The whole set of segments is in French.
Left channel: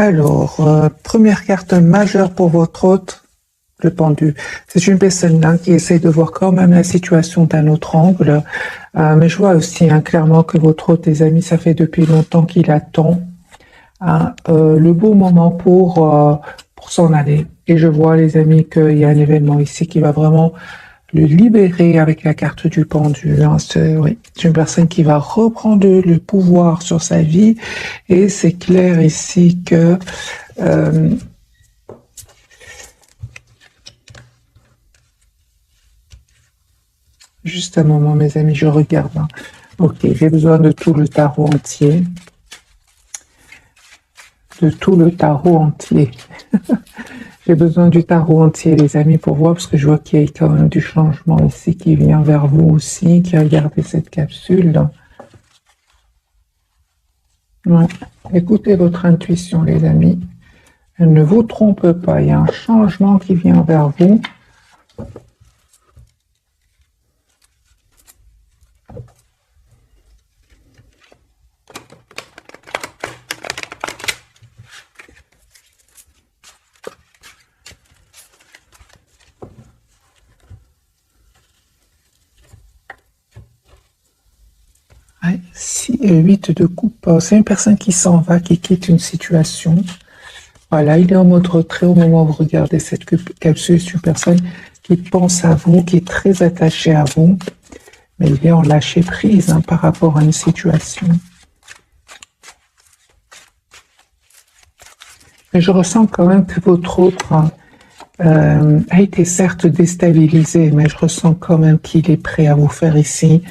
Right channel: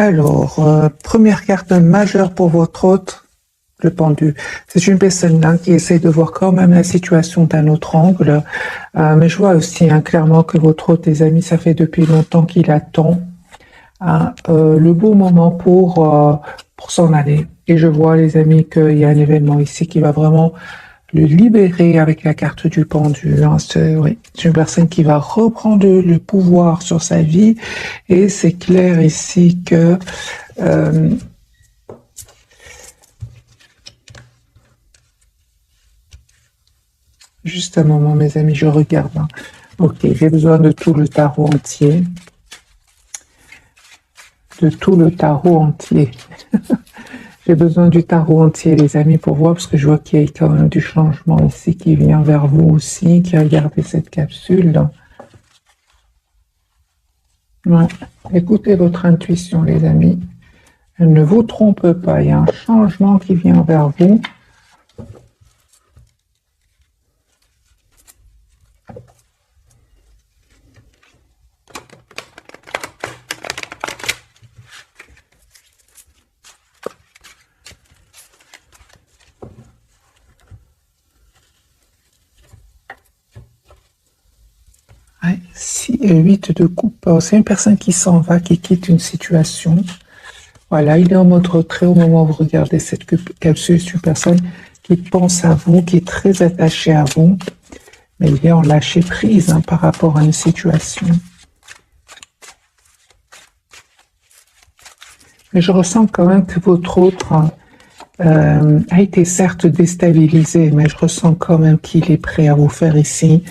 Alors, première carte majeure pour votre hôte, le pendu. C'est une personne là qui essaie de voir quand même la situation d'un autre angle. Mais je vois aussi clairement que votre hôte, les amis, ça fait depuis longtemps qu'il attend le bon moment pour s'en aller. Et je vois, les amis, qu'il y a un événement ici qui va vraiment le libérer avec la carte du pendu. Oui, c'est une personne qui va reprendre le pouvoir sur sa vie. Et c'est clair ici que juste un moment, mes amis, je regarde. Ok, j'ai besoin de tout le tarot entier. De tout le tarot entier. J'ai besoin du tarot entier, les amis, pour voir, parce que je vois qu'il y a quand même du changement ici qui vient vers vous aussi, qui a regardé cette capsule. Ouais. Écoutez votre intuition, les amis. Elle ne vous trompe pas, il y a un changement qui vient vers vous. Ouais, 8 de coupe. C'est une personne qui s'en va, qui quitte une situation. Voilà, il est en mode retrait au moment où vous regardez cette capsule. C'est une personne qui pense à vous, qui est très attachée à vous. Mais il est en lâcher prise par rapport à une situation. Mais je ressens quand même que votre autre a été certes déstabilisé, mais je ressens quand même qu'il est prêt à vous faire ici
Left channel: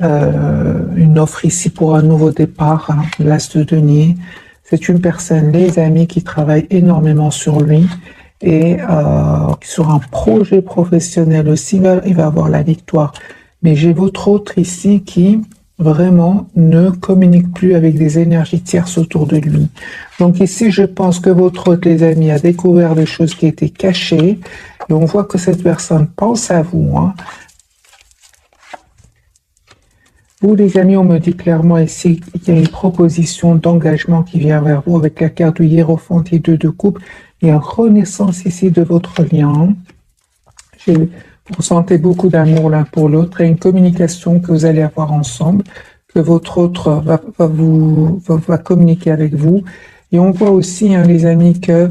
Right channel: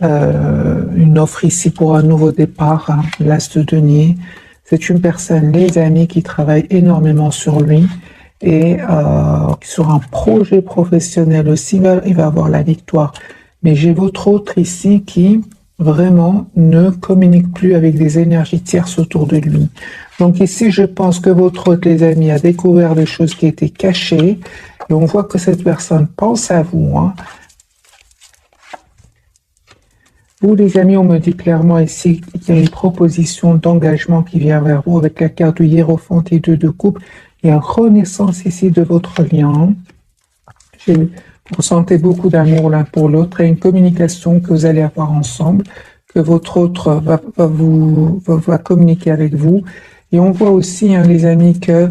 une offre ici pour un nouveau départ, l'As de denier. C'est une personne, les amis, qui travaille énormément sur lui et sur un projet professionnel aussi, il va avoir la victoire. Mais j'ai votre autre ici qui vraiment ne communique plus avec des énergies tierces autour de lui. Donc ici, je pense que votre autre, les amis, a découvert des choses qui étaient cachées et on voit que cette personne pense à vous. Vous, les amis, on me dit clairement ici qu'il y a une proposition d'engagement qui vient vers vous avec la carte de Hiérophant et 2 de coupe. Il y a une renaissance ici de votre lien. Vous ressentez beaucoup d'amour l'un pour l'autre et une communication que vous allez avoir ensemble, que votre autre va communiquer avec vous. Et on voit aussi, les amis, que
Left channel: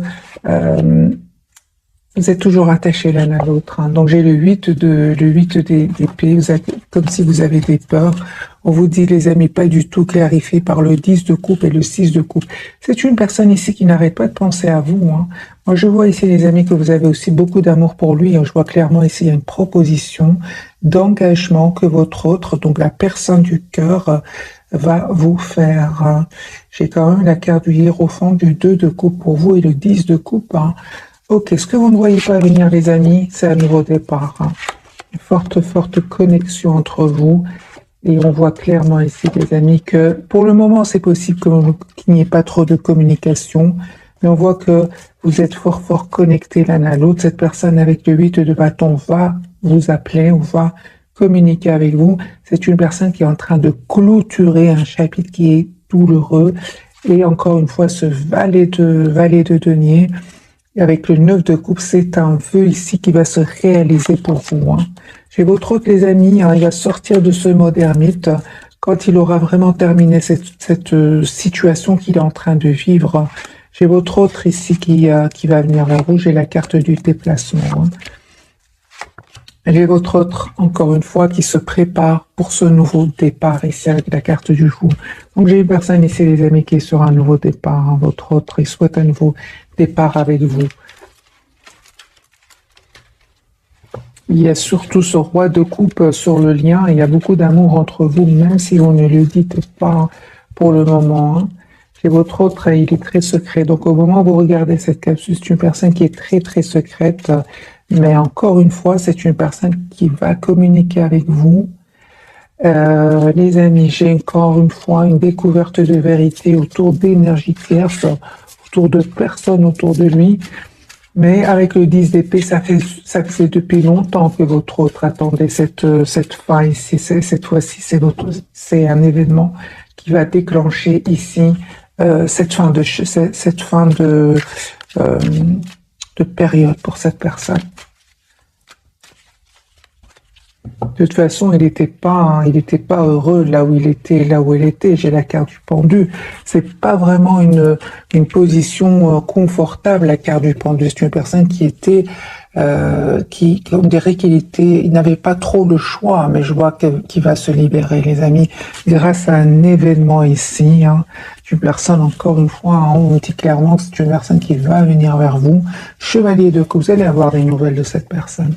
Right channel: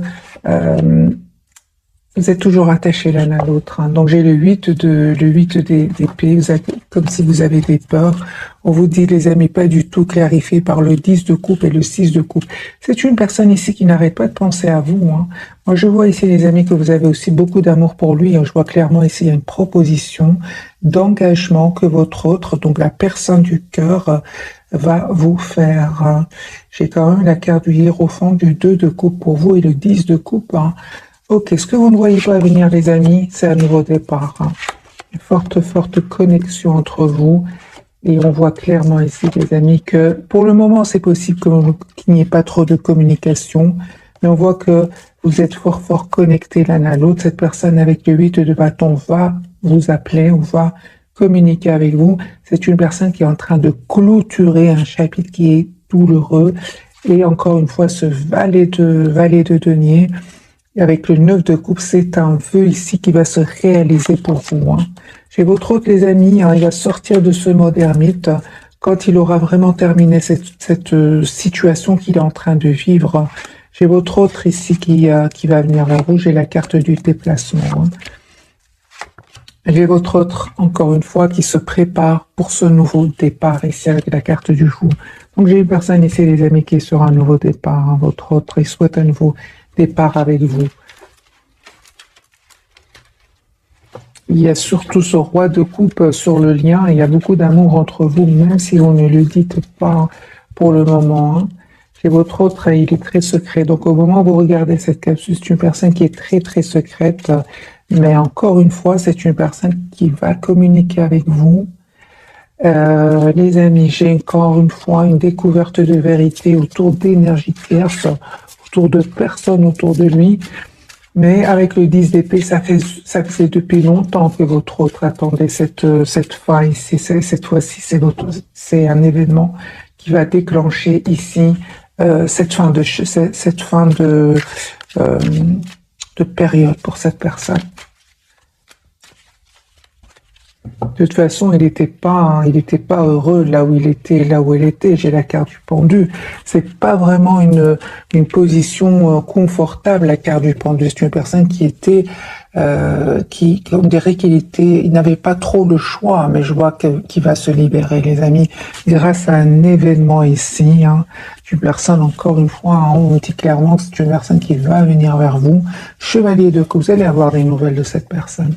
vous êtes toujours attachés l'un à l'autre. Donc j'ai le 8 d'épée, vous êtes comme si vous avez des peurs. On vous dit, les amis, pas du tout clarifié par le 10 de coupe et le 6 de coupe. C'est une personne ici qui n'arrête pas de penser à vous. Moi, je vois ici, les amis, que vous avez aussi beaucoup d'amour pour lui. Je vois clairement ici, il y a une proposition d'engagement que votre autre, donc la personne du cœur, va vous faire. J'ai quand même la carte du Hiérophant, du 2 de coupe pour vous et le 10 de coupe. Ok, ce que vous ne voyez pas venir, les amis, c'est un nouveau départ. Une forte connexion entre vous. Et on voit clairement ici, les amis, que pour le moment, c'est possible qu'il n'y ait pas trop de communication. Mais on voit que vous êtes fort connectés l'un à l'autre. Cette personne avec le 8 de bâton va vous appeler ou va communiquer avec vous. C'est une personne qui est en train de clôturer un chapitre qui est douloureux. Et encore une fois, ce valet de denier. Avec le 9 de coupe, c'est un vœu ici qui va se réaliser pour vous. J'ai votre autre, les amis, il va sortir de ce mode ermite quand il aura vraiment terminé cette situation qu'il est en train de vivre. J'ai votre autre ici qui va venir vers vous. J'ai la carte du déplacement. J'ai votre autre, encore une fois, qui se prépare pour ce nouveau départ ici avec la carte du jour. Donc j'ai une personne ici, les amis, qui sera un nouveau départ. Votre autre, il souhaite un nouveau départ avec vous. Il y a surtout ce roi de coupe sur le lien. Il y a beaucoup d'amour entre vous, même si on ne le dit pas pour le moment. Et votre autre, il est très secret. Donc au moment où vous regardez cette capsule, c'est une personne qui est très secrète. Mais encore une fois, c'est une personne qui va communiquer avec vous. Les amis, j'ai encore une fois une découverte de vérité autour d'énergie tierce, autour de personnes autour de lui. Mais avec le 10 d'épée, ça fait depuis longtemps que votre autre attendait cette fin ici. Cette fois-ci, c'est un événement qui va déclencher ici cette fin euh, de période pour cette personne. De toute façon, il n'était pas heureux là où il était, là où elle était. J'ai la carte du pendu. C'est pas vraiment une position confortable, la carte du pendu. C'est une personne qui était, on dirait il n'avait pas trop le choix, mais je vois qu'il va se libérer, les amis, grâce à un événement ici. Hein. Une personne, encore une fois, hein, on dit clairement que c'est une personne qui va venir vers vous. Chevalier de coupe, vous allez avoir des nouvelles de cette personne.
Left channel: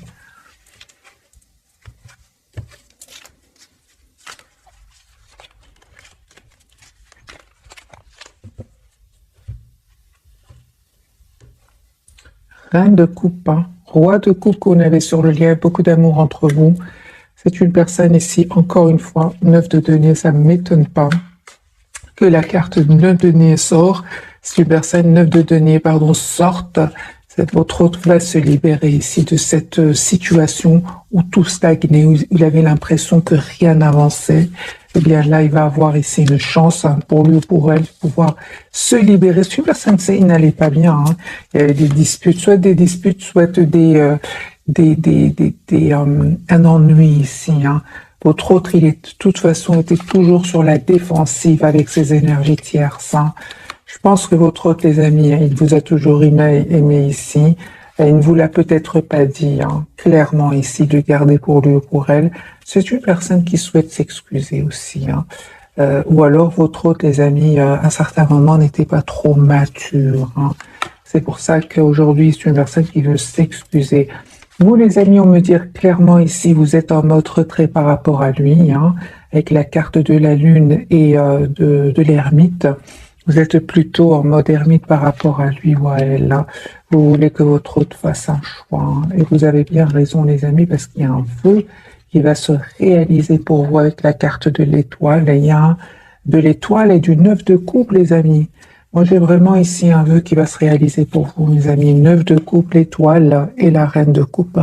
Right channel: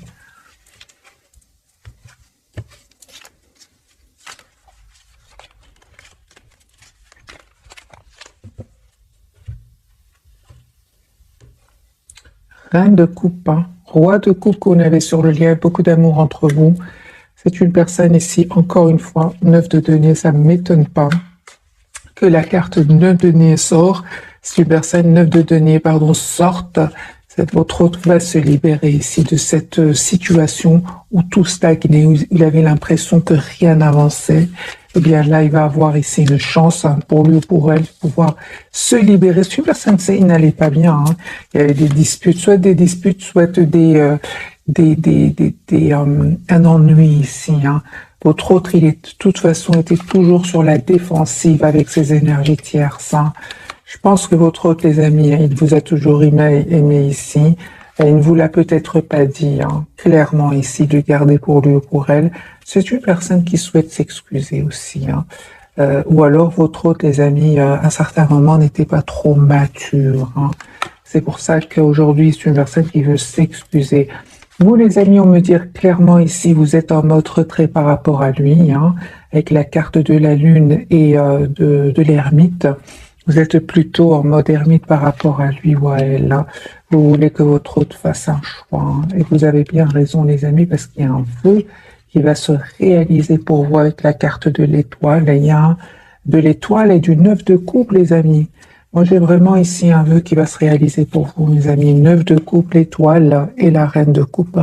Reine de coupe, hein. Roi de coupe qu'on avait sur le lien, beaucoup d'amour entre vous. C'est une personne ici, encore une fois, 9 de denier, ça ne m'étonne pas que la carte 9 de denier sort. Si une personne 9 de denier, pardon, sorte, votre autre va se libérer ici de cette situation où tout stagnait, où il avait l'impression que rien n'avançait. Eh bien là, il va avoir ici une chance hein, pour lui ou pour elle de pouvoir se libérer. Si une personne sait il n'allait pas bien, hein, il y a des disputes, soit un ennui ici. Hein. Votre autre, il est de toute façon était toujours sur la défensive avec ses énergies tierces. Hein. Je pense que votre autre, les amis, il vous a toujours aimé ici. Il ne vous l'a peut-être pas dit, hein, clairement ici, de garder pour lui ou pour elle. C'est une personne qui souhaite s'excuser aussi. Hein. Ou alors votre autre, les amis, à un certain moment, n'était pas trop mature. Hein. C'est pour ça qu'aujourd'hui, c'est une personne qui veut s'excuser. Vous, les amis, on me dit clairement ici, vous êtes en mode retrait par rapport à lui, hein, avec la carte de la lune et de l'ermite. Vous êtes plutôt en mode ermite par rapport à lui ou à elle. Vous voulez que votre autre fasse un choix. Hein. Et vous avez bien raison, les amis, parce qu'il y a un vœu qui va se réaliser pour vous avec la carte de l'étoile. Il y a de l'étoile et du 9 de coupe, les amis. Moi, j'ai vraiment ici un vœu qui va se réaliser pour vous, mes amis. 9 de coupe, l'étoile et la reine de coupe.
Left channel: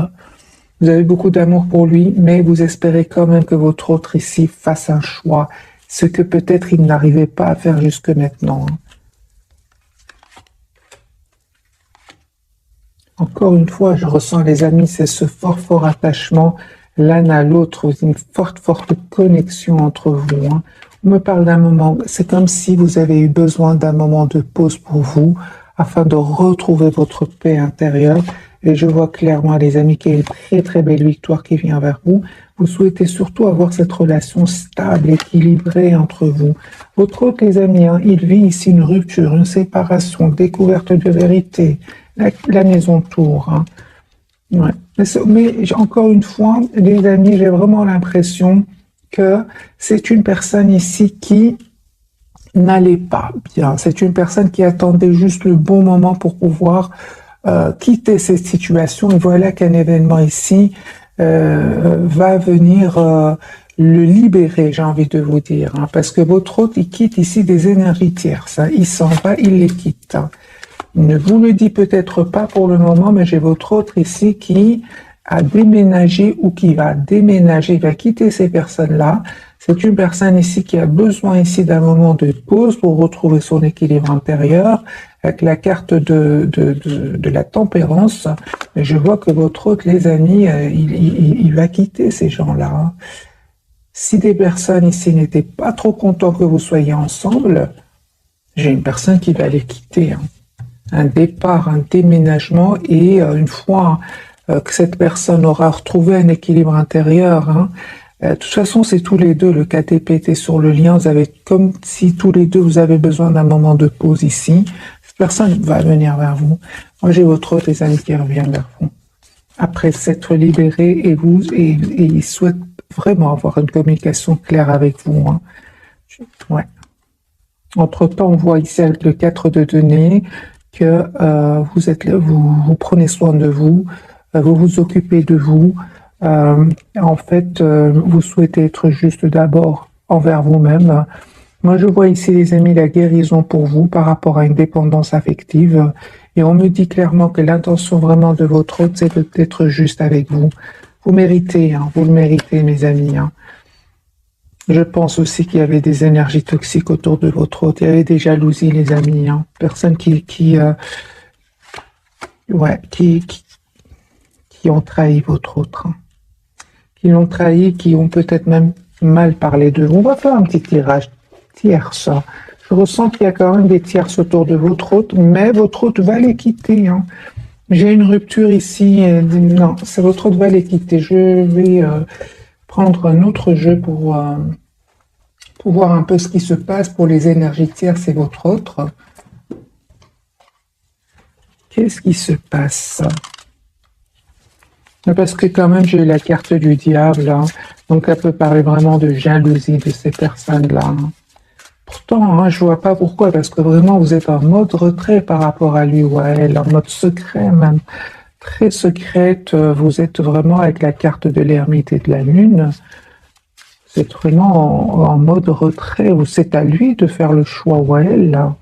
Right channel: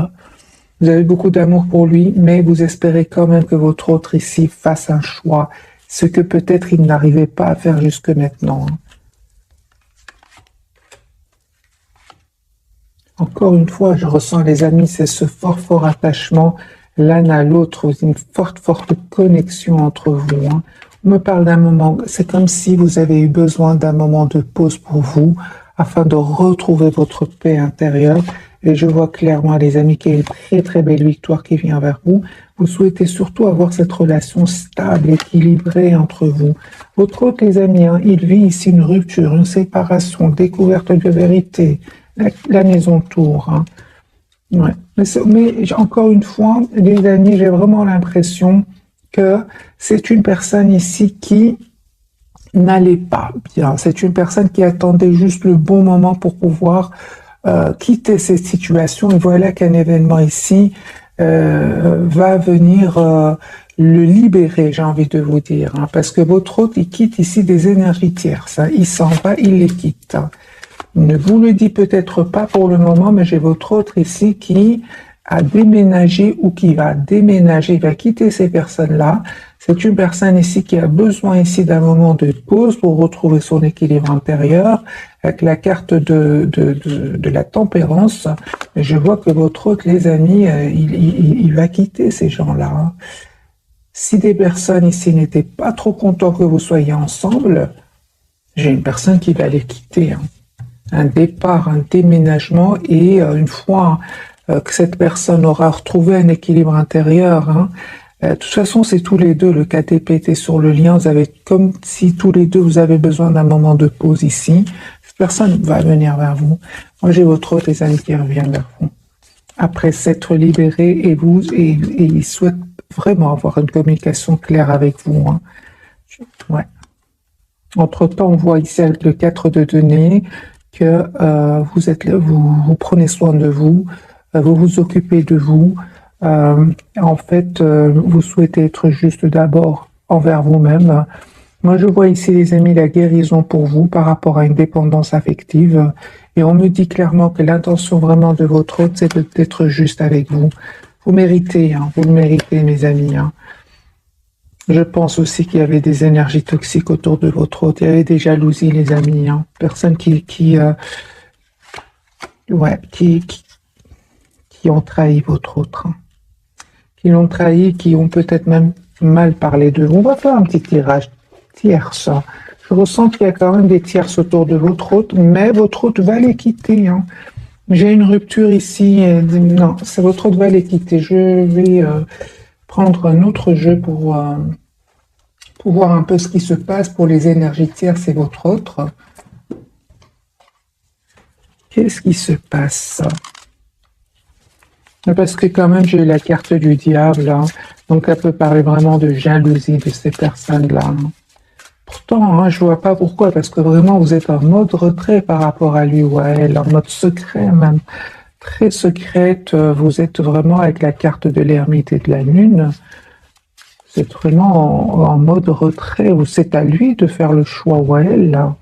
Vous avez beaucoup d'amour pour lui, mais vous espérez quand même que votre autre ici fasse un choix. Ce que peut-être il n'arrivait pas à faire jusque maintenant. Encore une fois, je ressens, les amis, c'est ce fort attachement l'un à l'autre, une forte connexion entre vous. Hein. On me parle d'un moment, c'est comme si vous avez eu besoin d'un moment de pause pour vous, afin de retrouver votre paix intérieure. Et je vois clairement, les amis, qu'il y a une très belle victoire qui vient vers vous. Vous souhaitez surtout avoir cette relation stable, équilibrée entre vous. Votre autre, les amis, hein, il vit ici une rupture, une séparation, découverte de vérité, la maison tour. Hein. Ouais. Mais encore une fois, les amis, j'ai vraiment l'impression que c'est une personne ici qui n'allait pas bien. C'est une personne qui attendait juste le bon moment pour pouvoir quitter cette situation. Et voilà qu'un événement ici va venir le libérer, j'ai envie de vous dire. Hein, parce que votre autre, il quitte ici des énergies tierces. Hein, il s'en va, il les quitte. Il ne vous le dit peut-être pas pour le moment, mais j'ai votre autre ici qui a déménagé ou qui va déménager, il va quitter ces personnes-là. C'est une personne ici qui a besoin ici d'un moment de pause pour retrouver son équilibre intérieur avec la carte de la tempérance. Je vois que votre autre, les amis, il va quitter ces gens-là. Hein. Si des personnes ici n'étaient pas trop contents que vous soyez ensemble, j'ai une personne qui va les quitter. Hein. Un départ, un déménagement et une fois que cette personne aura retrouvé un équilibre intérieur, hein, de toute façon c'est tous les deux, le KTP était sur le lien, vous avez comme si tous les deux vous avez besoin d'un moment de pause ici, cette personne va venir vers vous. Moi j'ai votre autre, les amis qui reviennent vers vous. Après s'être libéré et il souhaite vraiment avoir une communication claire avec vous. Hein. Ouais. Entre-temps, on voit ici avec le 4 de denier que vous êtes là, vous prenez soin de vous, vous vous occupez de vous. En fait, vous souhaitez être juste d'abord envers vous-même. Moi, je vois ici, les amis, la guérison pour vous par rapport à une dépendance affective. Et on me dit clairement que l'intention vraiment de votre hôte, c'est d'être juste avec vous. Vous méritez, hein, vous le méritez, mes amis. Hein. Je pense aussi qu'il y avait des énergies toxiques autour de votre hôte. Il y avait des jalousies, les amis. Hein. Personnes ouais, qui ont trahi votre autre. Hein. Qui l'ont trahi, qui ont peut-être même mal parlé de vous. On va faire un petit tirage tierce. Hein. Je ressens qu'il y a quand même des tierces autour de votre hôte, mais votre hôte va les quitter. Hein. J'ai une rupture ici. Non, c'est votre hôte va les quitter. Je vais prendre un autre jeu pour voir un peu ce qui se passe pour les énergies tierces et votre autre. Qu'est-ce qui se passe? Parce que quand même, j'ai eu la carte du diable, hein. Donc elle peut parler vraiment de jalousie de ces personnes-là. Hein. Pourtant, hein, je vois pas pourquoi, parce que vraiment, vous êtes en mode retrait par rapport à lui, ouais, en mode secret même, très secrète. Vous êtes vraiment avec la carte de l'ermite et de la lune. Vous êtes vraiment en mode retrait, ou c'est à lui de faire le choix, ou à elle, là.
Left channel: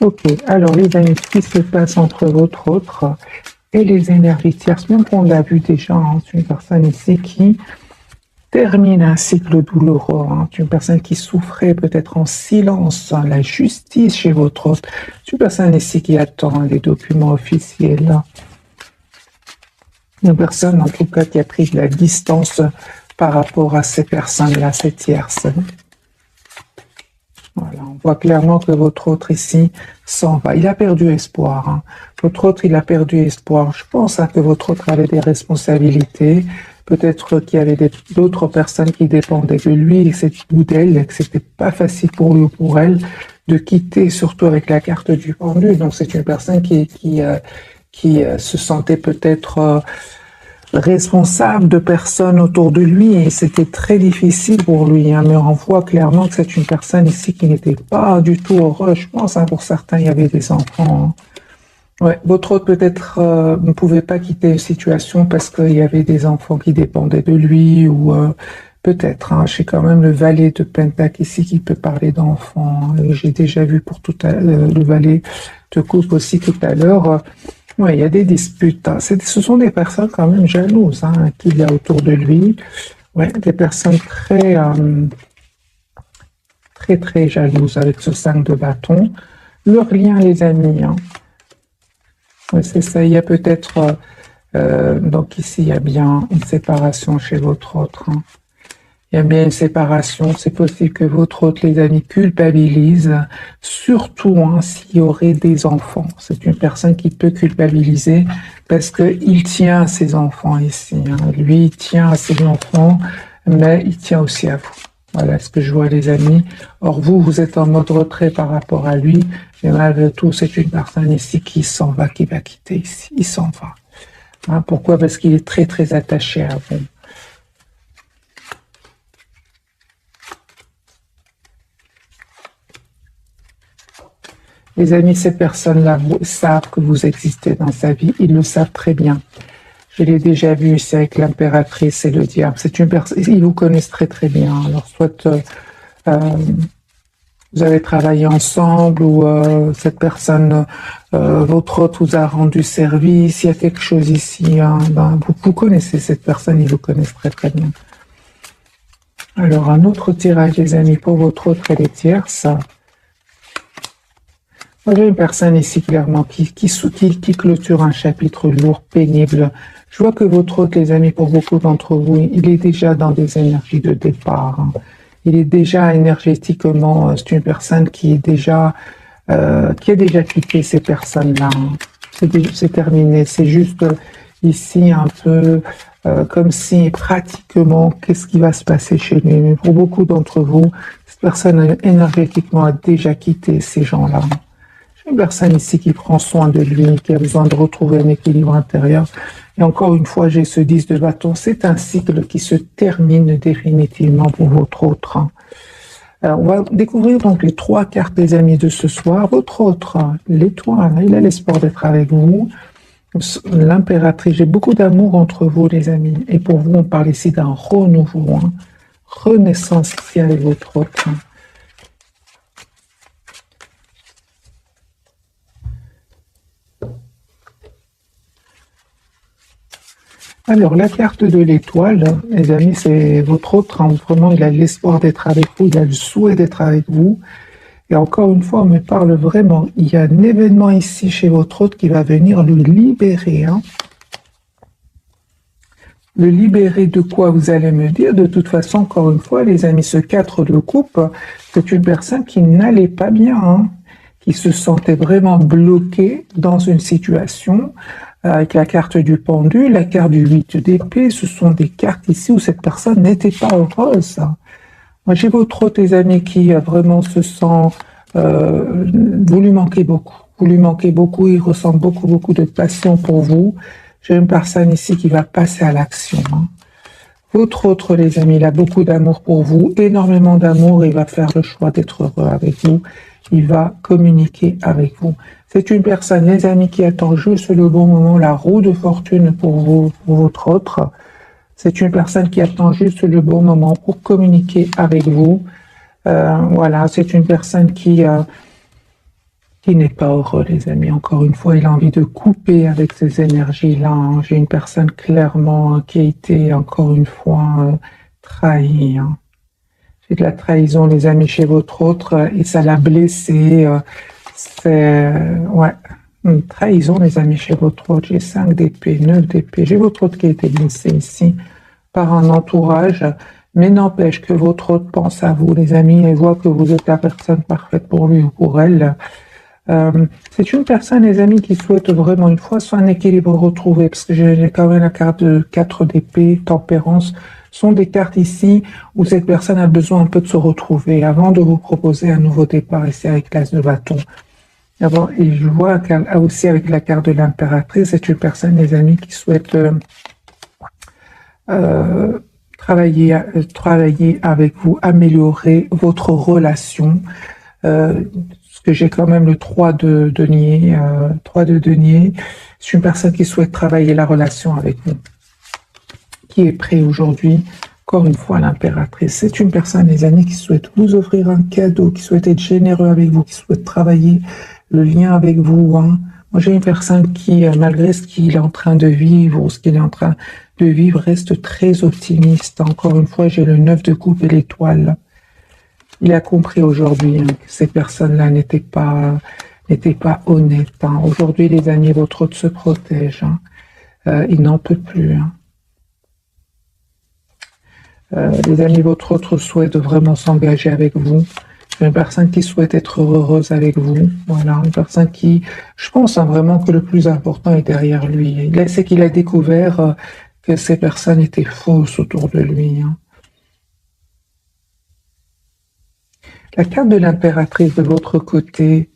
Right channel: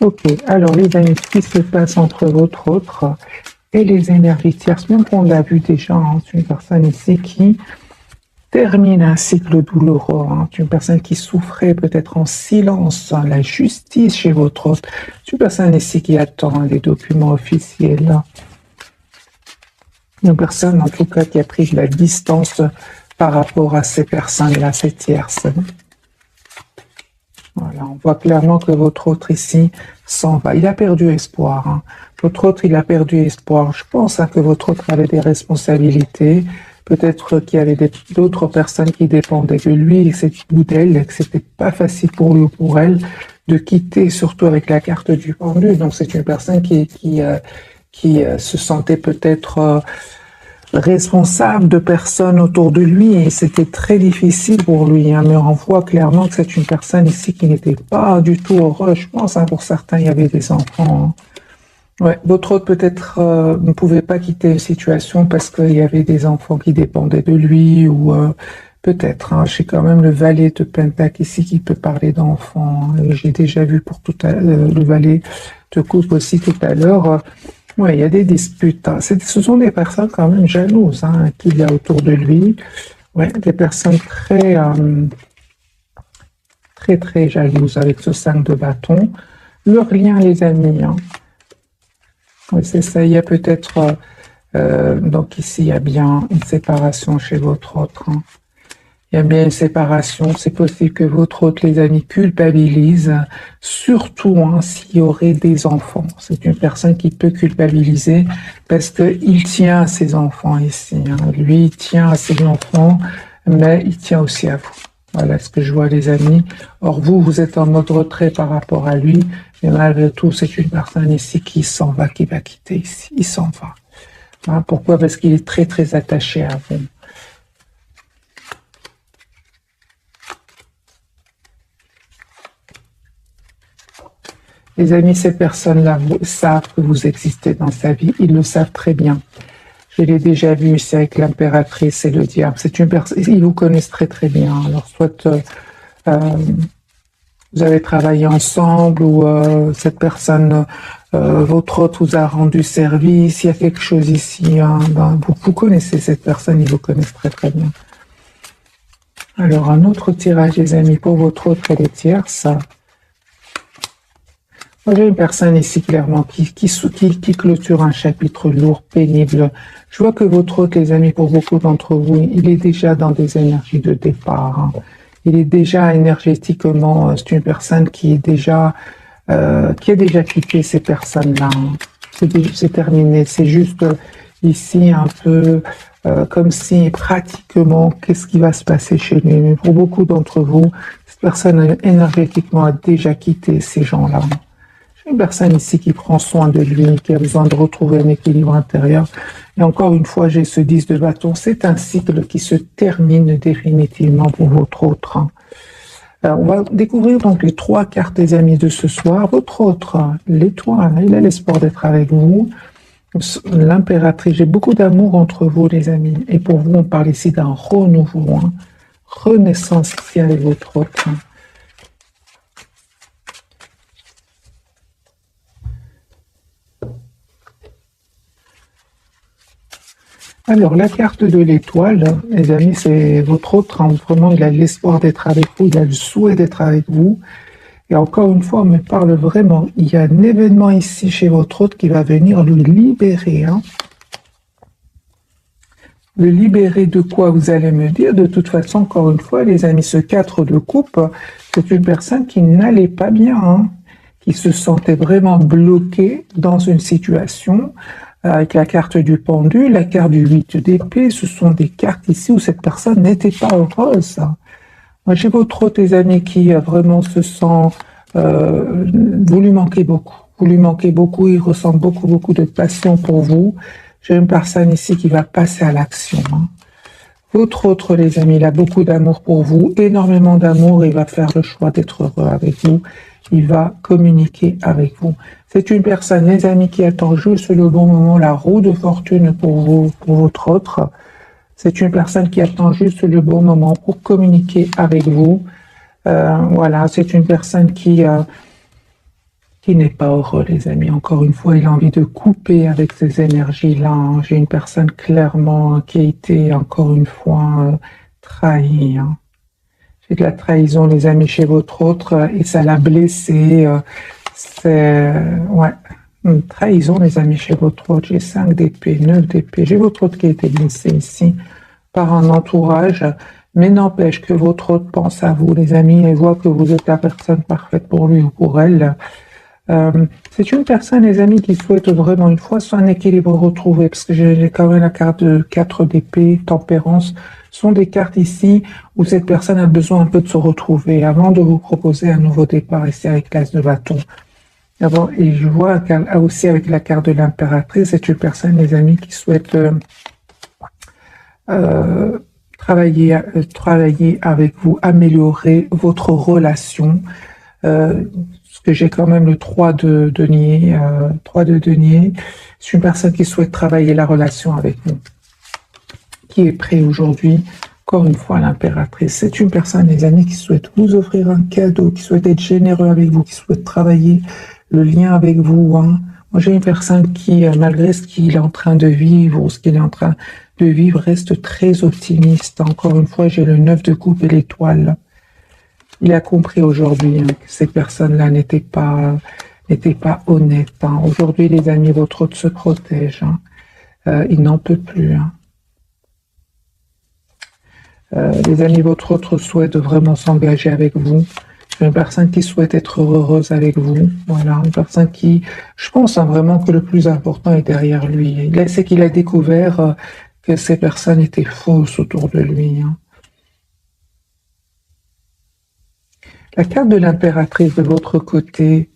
Ok, alors les amis, ce qui se passe entre votre autre et les énergies tierces, même qu'on l'a vu déjà, hein, c'est une personne ici qui termine un cycle douloureux, hein, c'est une personne qui souffrait peut-être en silence, hein, la justice chez votre autre, c'est une personne ici qui attend les documents officiels, là. Une personne en tout cas qui a pris de la distance par rapport à ces personnes-là, ces tierces. Voilà, on voit clairement que votre autre ici s'en va. Il a perdu espoir. Hein. Votre autre, il a perdu espoir. Je pense hein, que votre autre avait des responsabilités. Peut-être qu'il y avait d'autres personnes qui dépendaient de lui et d'elle, et que c'était pas facile pour lui ou pour elle de quitter, surtout avec la carte du pendu. Donc c'est une personne qui se sentait peut-être responsable de personnes autour de lui et c'était très difficile pour lui. Hein, mais on voit clairement que c'est une personne ici qui n'était pas du tout heureuse. Je pense, hein, pour certains, il y avait des enfants. Hein. Ouais, votre autre peut-être ne pouvait pas quitter une situation parce qu'il y avait des enfants qui dépendaient de lui ou peut-être. Hein, j'ai quand même le valet de Pentacle ici qui peut parler d'enfants. Hein, j'ai déjà vu pour tout à l'heure le valet de coupe aussi tout à l'heure. Oui, il y a des disputes. Hein. Ce sont des personnes quand même jalouses hein, qu'il y a autour de lui. Ouais, des personnes très jalouses avec ce 5 de bâton. Leur lien, les amis. Hein. Oui, c'est ça. Il y a peut-être. Donc ici, il y a bien une séparation chez votre autre. Hein. Il y a bien une séparation. C'est possible que votre autre, les amis, culpabilise, surtout hein, s'il y aurait des enfants. C'est une personne qui peut culpabiliser parce qu'il tient à ses enfants ici. Hein. Lui, il tient à ses enfants, mais il tient aussi à vous. Voilà ce que je vois, les amis. Or, vous, vous êtes en mode retrait par rapport à lui. Mais malgré tout, c'est une personne ici qui s'en va, qui va quitter ici. Il s'en va. Hein, pourquoi? Parce qu'il est très attaché à vous. Les amis, ces personnes-là savent que vous existez dans sa vie. Ils le savent très bien. Je l'ai déjà vu, c'est avec l'impératrice et le diable. C'est une personne, ils vous connaissent très bien. Alors, soit euh, vous avez travaillé ensemble ou cette personne, votre hôte vous a rendu service. Il y a quelque chose ici. Hein, ben, vous connaissez cette personne, ils vous connaissent très bien. Alors, un autre tirage, les amis, pour votre autre et les tierces. On a une personne ici clairement qui clôture un chapitre lourd, pénible. Je vois que votre hôte, les amis, pour beaucoup d'entre vous, il est déjà dans des énergies de départ. Hein. Il est déjà énergétiquement, c'est une personne qui a déjà quitté ces personnes-là. C'est terminé. C'est juste ici un peu comme si pratiquement, qu'est-ce qui va se passer chez lui. Mais pour beaucoup d'entre vous, cette personne énergétiquement a déjà quitté ces gens-là. Une personne ici qui prend soin de lui, qui a besoin de retrouver un équilibre intérieur. Et encore une fois, j'ai ce 10 de bâton. C'est un cycle qui se termine définitivement pour votre autre. Hein. Alors, on va découvrir donc les 3 cartes des amis de ce soir. Votre autre, l'étoile, il a l'espoir d'être avec vous. L'impératrice, j'ai beaucoup d'amour entre vous, les amis. Et pour vous, on parle ici d'un renouveau, hein. Renaissance ici avec votre autre. Hein. Alors, la carte de l'étoile, les amis, c'est votre autre, hein, vraiment, il a l'espoir d'être avec vous, il a le souhait d'être avec vous. Et encore une fois, on me parle vraiment, il y a un événement ici chez votre autre qui va venir le libérer, hein. Le libérer de quoi, vous allez me dire? De toute façon, encore une fois, les amis, ce 4 de coupe, c'est une personne qui n'allait pas bien, hein, qui se sentait vraiment bloquée dans une situation, avec la carte du pendu, la carte du 8 d'épée. Ce sont des cartes ici où cette personne n'était pas heureuse. Moi, j'ai votre autre, les amis, qui vraiment se sent... vous lui manquez beaucoup. Vous lui manquez beaucoup, il ressent beaucoup, beaucoup de passion pour vous. J'ai une personne ici qui va passer à l'action, hein. Votre autre, les amis, il a beaucoup d'amour pour vous, énormément d'amour, il va faire le choix d'être heureux avec vous, il va communiquer avec vous. C'est une personne, les amis, qui attend juste le bon moment, la roue de fortune pour vous, pour votre autre. C'est une personne qui attend juste le bon moment pour communiquer avec vous. Voilà, c'est une personne qui n'est pas heureux, les amis. Encore une fois, il a envie de couper avec ces énergies-là. J'ai une personne clairement qui a été, encore une fois, trahie, hein. J'ai de la trahison, les amis, chez votre autre, et ça l'a blessé. Ouais, une trahison, les amis, chez votre autre. J'ai 5 d'épée, 9 d'épée. J'ai votre autre qui a été blessé ici par un entourage. Mais n'empêche que votre autre pense à vous, les amis, et voit que vous êtes la personne parfaite pour lui ou pour elle. C'est une personne, les amis, qui souhaite vraiment une fois son équilibre retrouvé, parce que j'ai quand même la carte de 4 d'épée, tempérance, sont des cartes ici où cette personne a besoin un peu de se retrouver avant de vous proposer un nouveau départ ici avec l'As de bâton. D'abord, et je vois aussi avec la carte de l'impératrice, c'est une personne, les amis, qui souhaite travailler avec vous, améliorer votre relation. Parce que j'ai quand même le 3 de denier. 3 de denier. C'est une personne qui souhaite travailler la relation avec vous, qui est prêt aujourd'hui. Encore une fois, l'impératrice. C'est une personne, les amis, qui souhaite vous offrir un cadeau, qui souhaite être généreux avec vous, qui souhaite travailler le lien avec vous, hein. Moi, j'ai une personne qui, malgré ce qu'il est en train de vivre ou ce qu'il est en train de vivre, reste très optimiste. Encore une fois, j'ai le 9 de coupe et l'étoile. Il a compris aujourd'hui, hein, que ces personnes-là n'étaient pas honnêtes, hein. Aujourd'hui, les amis, votre autre se protège, hein. Il n'en peut plus, hein. Les amis, votre autre souhaite vraiment s'engager avec vous. Une personne qui souhaite être heureuse avec vous. Voilà, une personne qui, je pense, hein, vraiment que le plus important est derrière lui. C'est qu'il a découvert que ces personnes étaient fausses autour de lui, hein. La carte de l'impératrice de votre côté.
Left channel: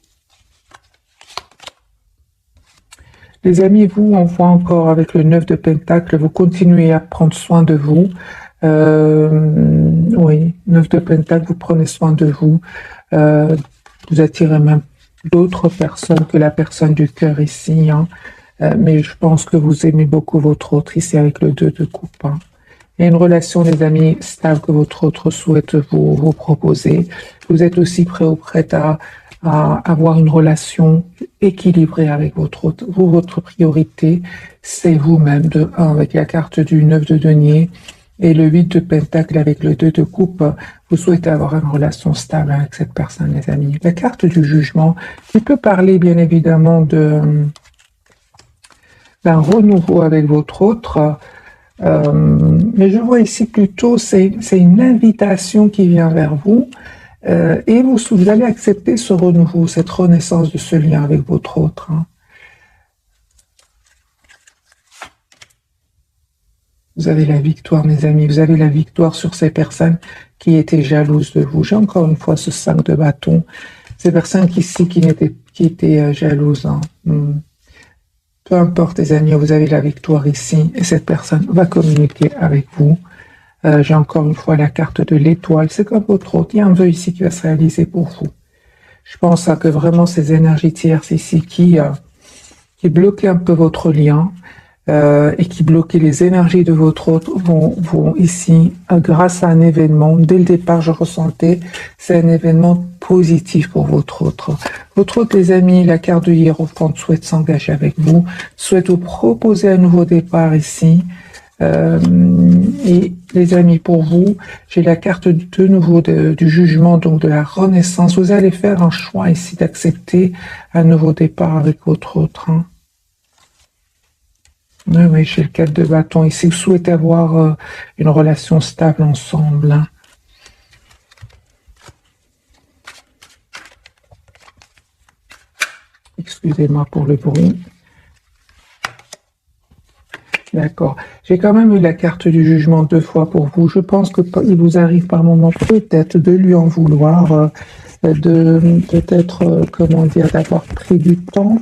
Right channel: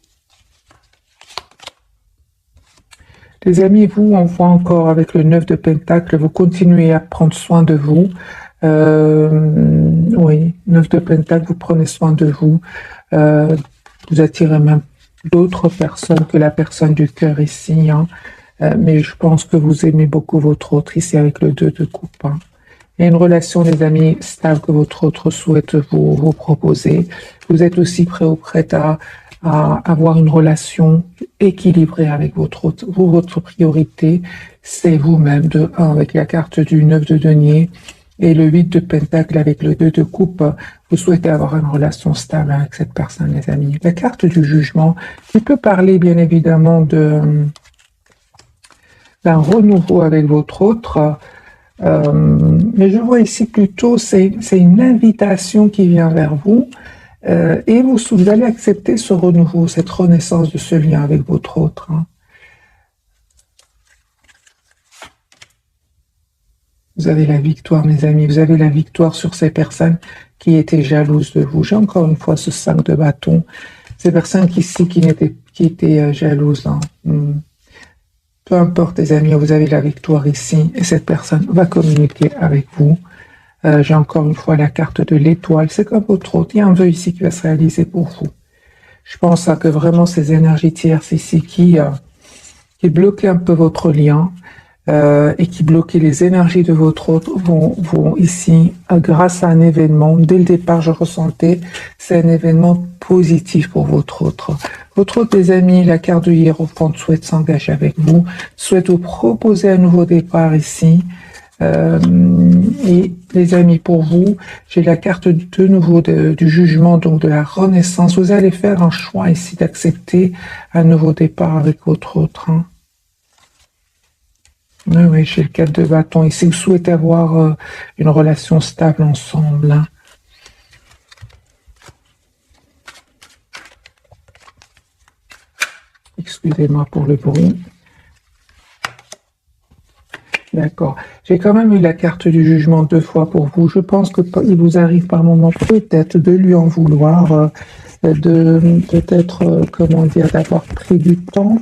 Les amis, vous, on voit encore avec le 9 de Pentacle, vous continuez à prendre soin de vous. Oui, 9 de Pentacle, vous prenez soin de vous. Vous attirez même d'autres personnes que la personne du cœur ici, hein. Mais je pense que vous aimez beaucoup votre autre ici avec le 2 de coupe, hein. Il y a une relation, les amis, stable que votre autre souhaite vous proposer. Vous êtes aussi prêt ou prête à avoir une relation équilibrée avec votre autre. Votre priorité, c'est vous-même de 1 avec la carte du 9 de denier et le 8 de pentacle avec le 2 de coupe. Vous souhaitez avoir une relation stable avec cette personne, les amis. La carte du jugement, qui peut parler bien évidemment d'un renouveau avec votre autre. Mais je vois ici plutôt, c'est une invitation qui vient vers vous, et vous allez accepter ce renouveau, cette renaissance de ce lien avec votre autre, hein. Vous avez la victoire, mes amis, vous avez la victoire sur ces personnes qui étaient jalouses de vous. J'ai encore une fois ce 5 de bâton, ces personnes qui étaient jalouses, hein. Peu importe, les amis, vous avez la victoire ici et cette personne va communiquer avec vous. J'ai encore une fois la carte de l'étoile. C'est comme votre autre. Il y a un vœu ici qui va se réaliser pour vous. Je pense que vraiment ces énergies tierces ici qui bloquaient un peu votre lien et qui bloquaient les énergies de votre autre vont ici, grâce à un événement, dès le départ je ressentais, c'est un événement positif pour votre autre. Votre autre, les amis, la carte de Hiérophante souhaite s'engager avec vous, souhaite vous proposer un nouveau départ ici. Et les amis, pour vous, j'ai la carte de nouveau du jugement, donc de la renaissance. Vous allez faire un choix ici d'accepter un nouveau départ avec votre autre. Hein. Oui, j'ai le 4 de bâton ici. Vous souhaitez avoir une relation stable ensemble. Hein. Excusez-moi pour le bruit. D'accord. J'ai quand même eu la carte du jugement 2 fois pour vous. Je pense qu'il vous arrive par moment peut-être de lui en vouloir, de peut-être, comment dire, d'avoir pris du temps,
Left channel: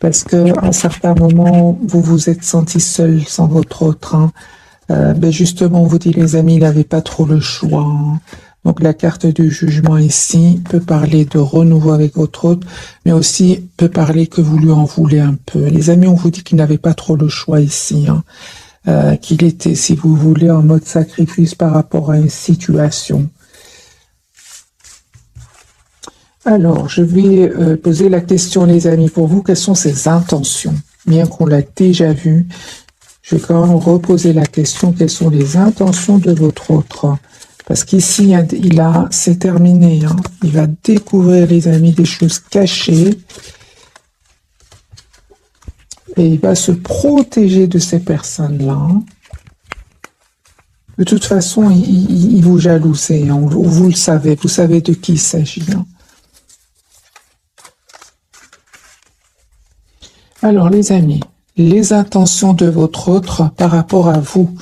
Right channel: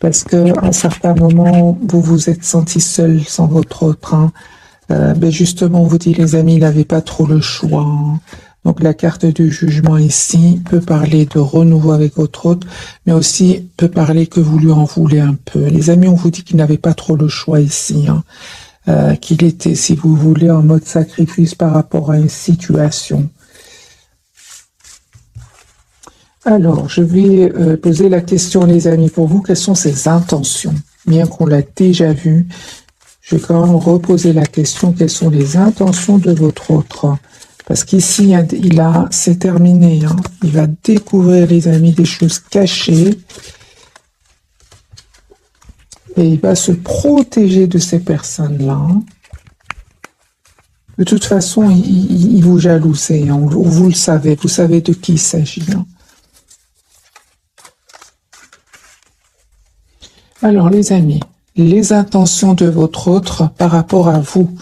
parce qu'à un certain moment, vous vous êtes senti seul sans votre autre. Hein. Ben justement, on vous dit, les amis, il n'avait pas trop le choix. Hein. Donc la carte du jugement ici peut parler de renouveau avec votre autre, mais aussi peut parler que vous lui en voulez un peu. Les amis, on vous dit qu'il n'avait pas trop le choix ici. Hein. Qu'il était, si vous voulez, en mode sacrifice par rapport à une situation. Alors, je vais poser la question, les amis, pour vous, quelles sont ses intentions? Bien qu'on l'a déjà vu, je vais quand même reposer la question, quelles sont les intentions de votre autre? Parce qu'ici, c'est terminé. Hein. Il va découvrir, les amis, des choses cachées. Et il va se protéger de ces personnes-là. De toute façon, il vous jalousait. Hein. Vous le savez. Vous savez de qui il s'agit. Hein. Alors, les amis, les intentions de votre autre par rapport à vous.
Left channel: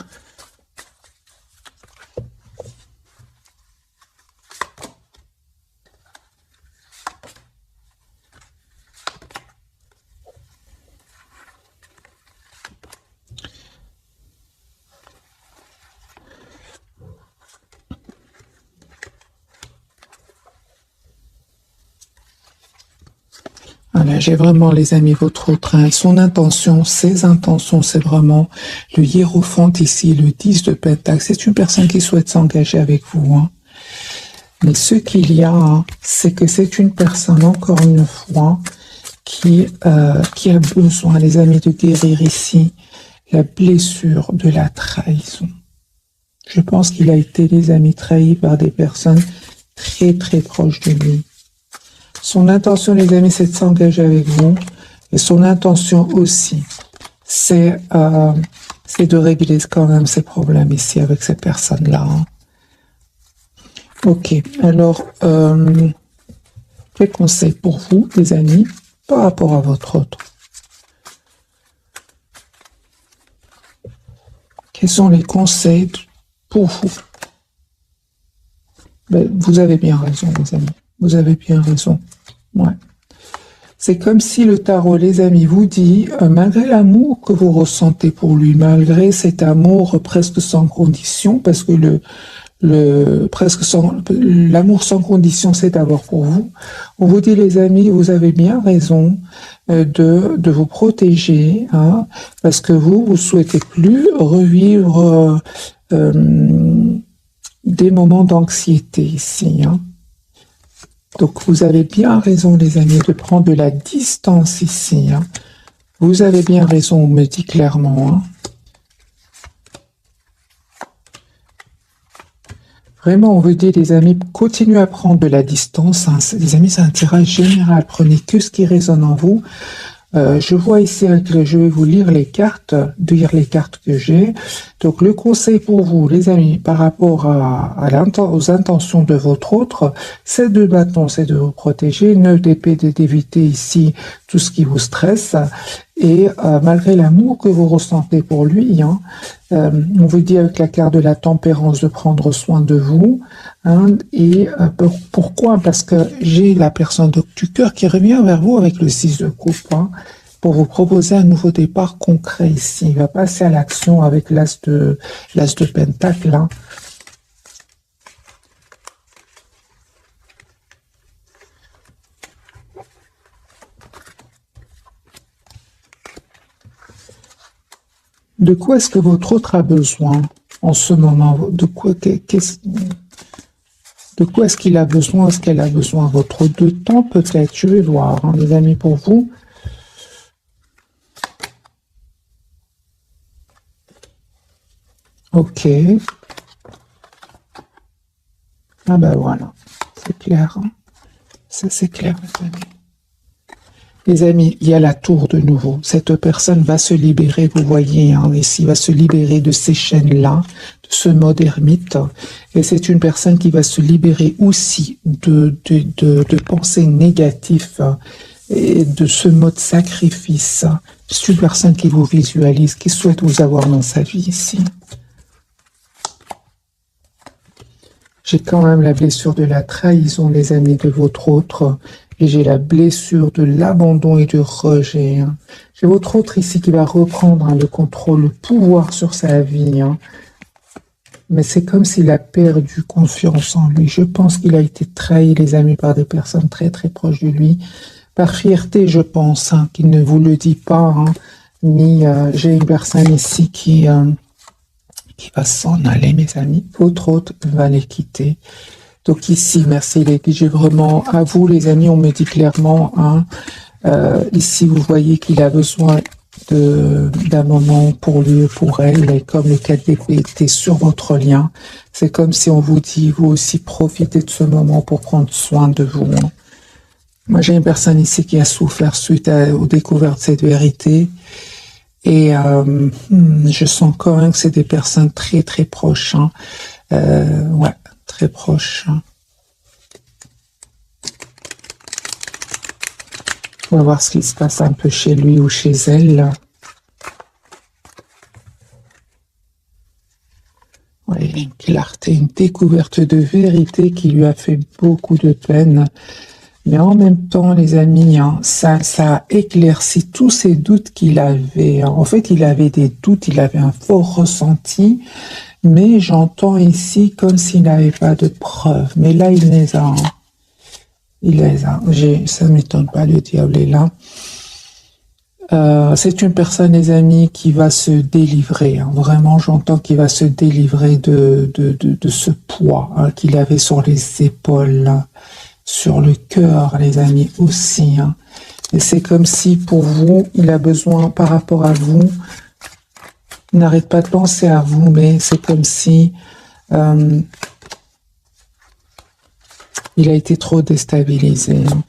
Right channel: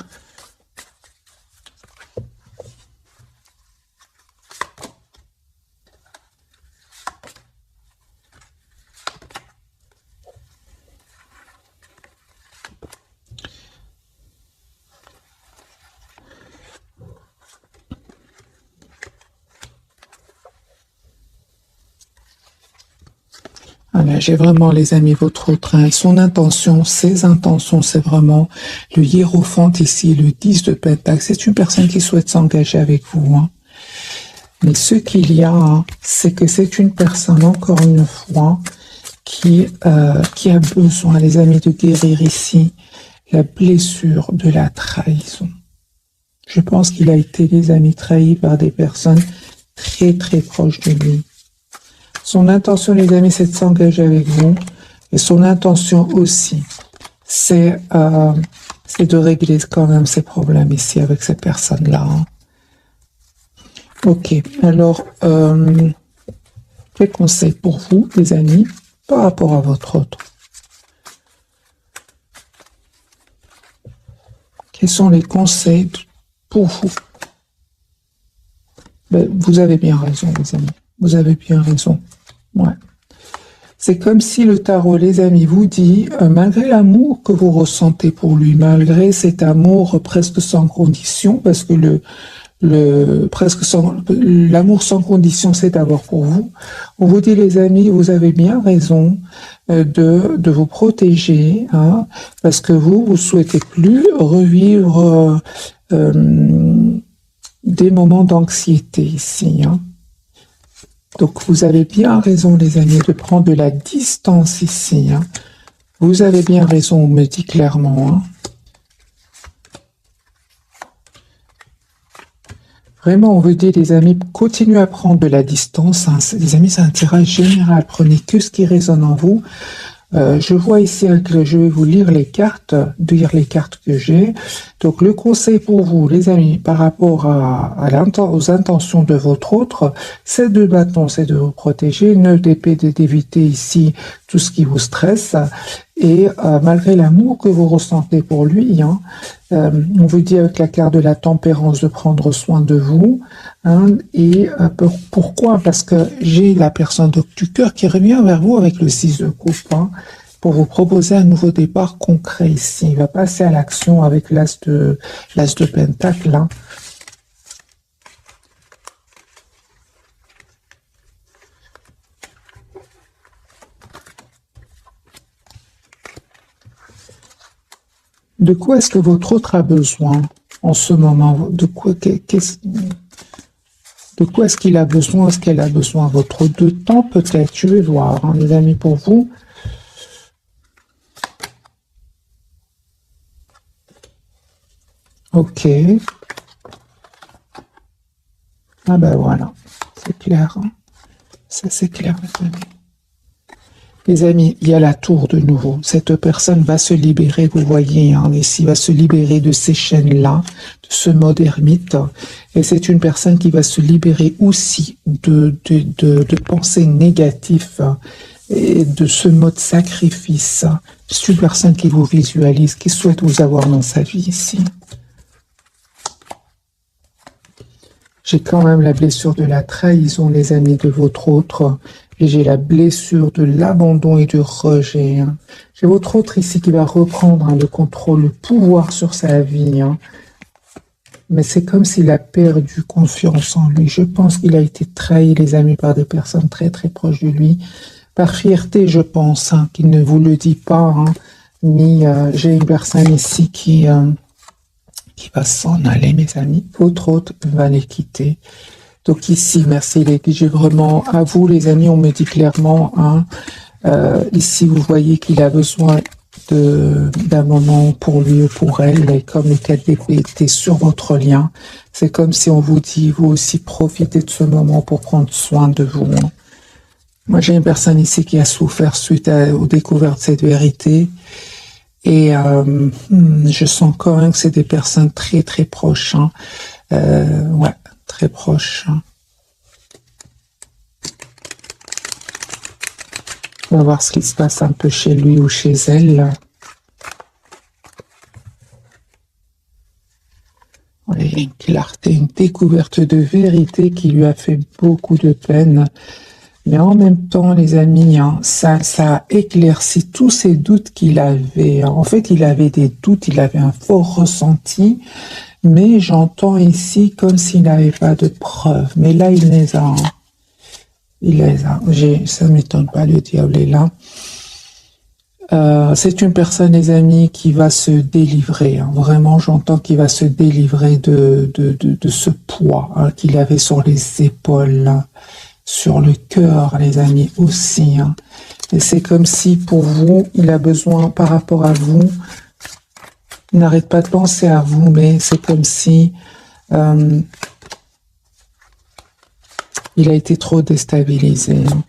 Voilà, j'ai vraiment, les amis, votre autre, hein, son intention, ses intentions, c'est vraiment le hiérophant ici, le 10 de Pentacle. C'est une personne qui souhaite s'engager avec vous. Hein. Mais ce qu'il y a, hein, c'est que c'est une personne, encore une fois, qui a besoin, les amis, de guérir ici la blessure de la trahison. Je pense qu'il a été, les amis, trahi par des personnes très, très proches de lui. Son intention, les amis, c'est de s'engager avec vous. Et son intention aussi, c'est de régler quand même ses problèmes ici avec cette personne-là. Hein. Ok, alors, quel conseil pour vous, les amis, par rapport à votre autre? Quels sont les conseils pour vous? Ben, vous avez bien raison, les amis. Vous avez bien raison. Ouais. C'est comme si le tarot, les amis, vous dit, malgré l'amour que vous ressentez pour lui, malgré cet amour presque sans condition, parce que l'amour sans condition, c'est d'abord pour vous. On vous dit, les amis, vous avez bien raison de vous protéger, hein, parce que vous souhaitez plus revivre des moments d'anxiété ici, hein. Donc, vous avez bien raison, les amis, de prendre de la distance ici. Hein. Vous avez bien raison, on me dit clairement. Hein. Vraiment, on veut dire, les amis, continuez à prendre de la distance. Hein. Les amis, c'est un tirage général. Prenez que ce qui résonne en vous. Je vois ici, je vais vous lire les cartes que j'ai. Donc, le conseil pour vous, les amis, par rapport aux intentions de votre autre, c'est de bâton, c'est de vous protéger, ne d'épée, d'éviter ici tout ce qui vous stresse. Et malgré l'amour que vous ressentez pour lui, hein, on vous dit avec la carte de la tempérance de prendre soin de vous. Hein, et pourquoi? Parce que j'ai la personne du cœur qui revient vers vous avec le 6 de coupe, hein, pour vous proposer un nouveau départ concret ici. Il va passer à l'action avec l'as de Pentacle. Hein. De quoi est-ce que votre autre a besoin en ce moment? De quoi est-ce qu'il a besoin? Est-ce qu'elle a besoin? Votre de temps peut-être? Je vais voir, hein, les amis, pour vous. Ok. Ah ben voilà, c'est clair, hein. Ça c'est clair, les amis. Les amis, il y a la tour de nouveau. Cette personne va se libérer, vous voyez, hein, ici, va se libérer de ces chaînes-là, de ce mode ermite. Et c'est une personne qui va se libérer aussi de pensées négatives, hein, et de ce mode sacrifice. C'est une personne qui vous visualise, qui souhaite vous avoir dans sa vie ici. J'ai quand même la blessure de la trahison, les amis, de votre autre. Et j'ai la blessure de l'abandon et du rejet, hein. J'ai votre autre ici qui va reprendre, hein, le contrôle, le pouvoir sur sa vie, hein. Mais c'est comme s'il a perdu confiance en lui. Je pense qu'il a été trahi, les amis, par des personnes très très proches de lui. Par fierté, je pense, hein, qu'il ne vous le dit pas, hein, ni j'ai une personne ici qui va s'en aller, mes amis. Votre autre va les quitter. Donc ici, merci les j'ai vraiment, à vous les amis, on me dit clairement, hein, ici vous voyez qu'il a besoin d'un moment pour lui ou pour elle, et comme les 4 d'épée étaient sur votre lien, c'est comme si on vous dit, vous aussi profitez de ce moment pour prendre soin de vous, hein. Moi j'ai une personne ici qui a souffert suite aux découvertes de cette vérité, et je sens quand même que c'est des personnes très très proches, hein. Ouais, très proches, hein. On va voir ce qui se passe un peu chez lui ou chez elle. Oui, une clarté, une découverte de vérité qui lui a fait beaucoup de peine. Mais en même temps, les amis, hein, ça a éclairci tous ces doutes qu'il avait. En fait, il avait des doutes, il avait un fort ressenti, mais j'entends ici comme s'il n'avait pas de preuves. Mais là, il les a, hein. Il les a. Ça ne m'étonne pas, le diable est là. C'est une personne, les amis, qui va se délivrer, hein. Vraiment, j'entends qu'il va se délivrer de ce poids, hein, qu'il avait sur les épaules, hein, sur le cœur, les amis, aussi, hein. Et c'est comme si, pour vous, il a besoin, par rapport à vous, il n'arrête pas de penser à vous, mais c'est comme si il a été trop déstabilisé, hein,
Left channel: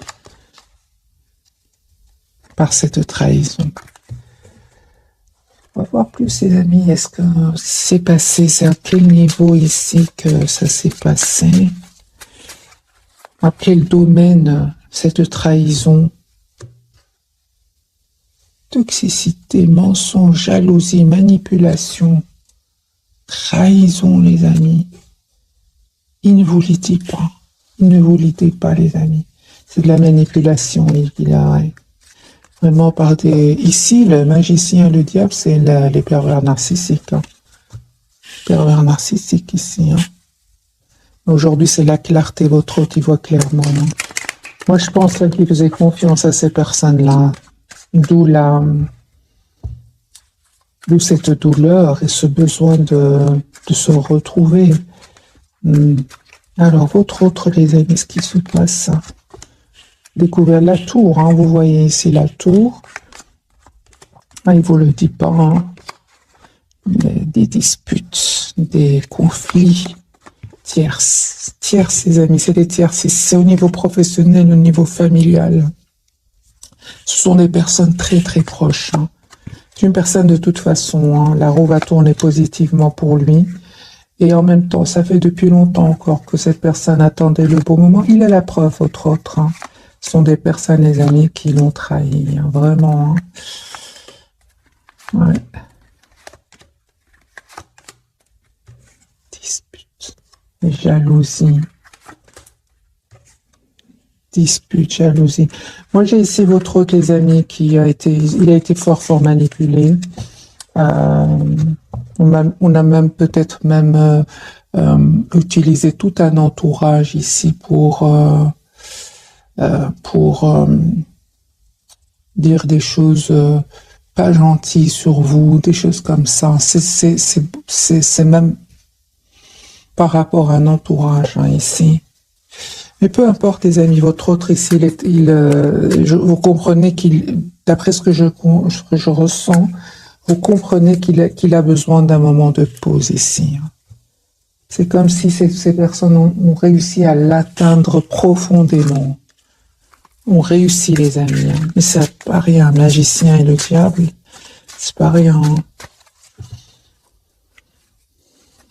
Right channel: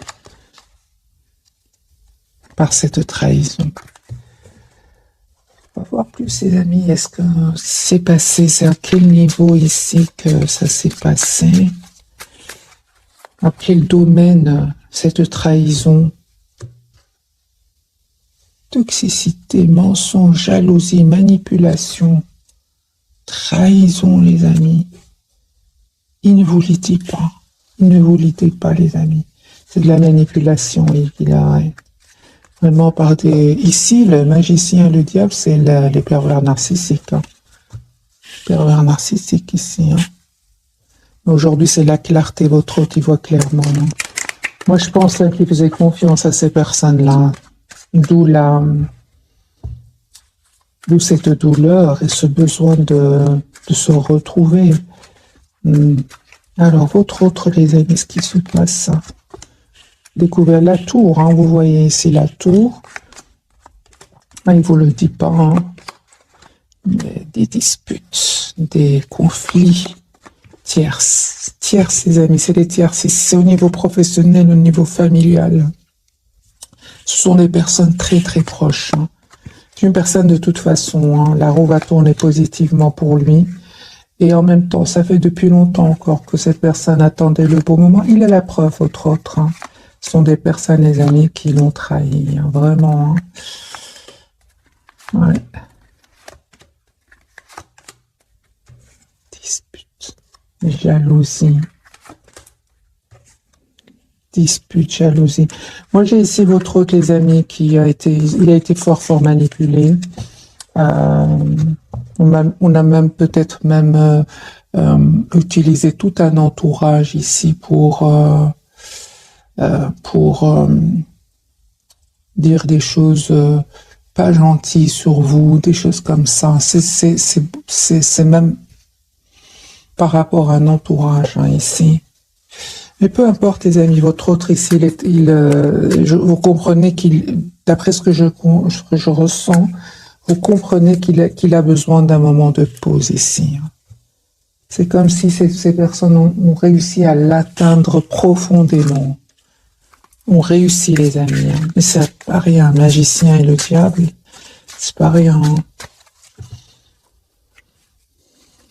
par cette trahison. On va voir plus, les amis. Est-ce que c'est passé? C'est à quel niveau ici que ça s'est passé? À quel domaine cette trahison? Toxicité, mensonge, jalousie, manipulation, trahison, les amis. Il ne vous le dit pas. Il ne vous le dit pas, les amis. C'est de la manipulation, il a... Vraiment par des... Ici, le magicien et le diable, c'est les pervers narcissiques, hein. Pervers narcissiques ici, hein. Aujourd'hui, c'est la clarté, votre autre, il voit clairement, hein. Moi, je pense, hein, qu'il faisait confiance à ces personnes-là. D'où cette douleur et ce besoin de se retrouver. Alors, votre autre, les amis, ce qui se passe, hein. Découvert la tour, hein, vous voyez ici la tour. Ah, il ne vous le dit pas, hein. Des disputes, des conflits, tierces, les amis, c'est des tierces, c'est au niveau professionnel, au niveau familial. Ce sont des personnes très très proches, hein. C'est une personne de toute façon, hein, la roue va tourner positivement pour lui. Et en même temps, ça fait depuis longtemps encore que cette personne attendait le bon moment. Il a la preuve, votre autre, hein. Ce sont des personnes, les amis, qui l'ont trahi, hein, vraiment, hein. Oui. Dispute, jalousie. Dispute, jalousie. Moi, j'ai ici votre autre, les amis, il a été fort manipulé. On a même peut-être même utilisé tout un entourage ici pour dire des choses pas gentilles sur vous, des choses comme ça. C'est même par rapport à un entourage, hein, ici. Mais peu importe, les amis, votre autre ici, vous comprenez qu'il, d'après ce que je ressens, Vous comprenez qu'il a besoin d'un moment de pause ici. C'est comme si ces personnes ont réussi à l'atteindre profondément. On réussit, les amis. Mais ça pas rien. Magicien inéluctable, c'est pas rien.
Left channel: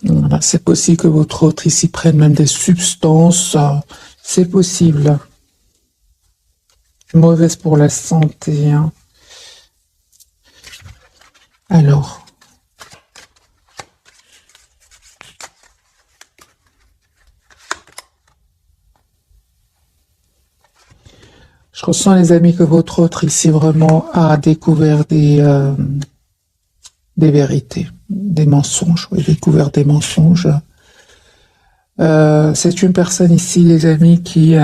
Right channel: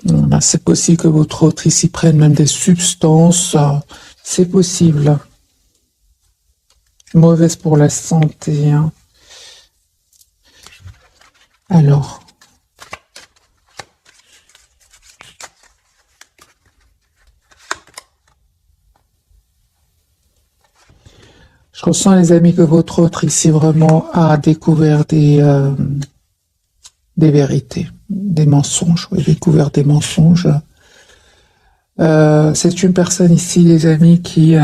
Voilà, c'est possible que votre autre ici prenne même des substances. C'est possible. Mauvaise pour la santé. Alors. Je ressens, les amis, que votre autre ici vraiment a découvert des vérités, des mensonges, oui, découvert des mensonges. C'est une personne ici, les amis, qui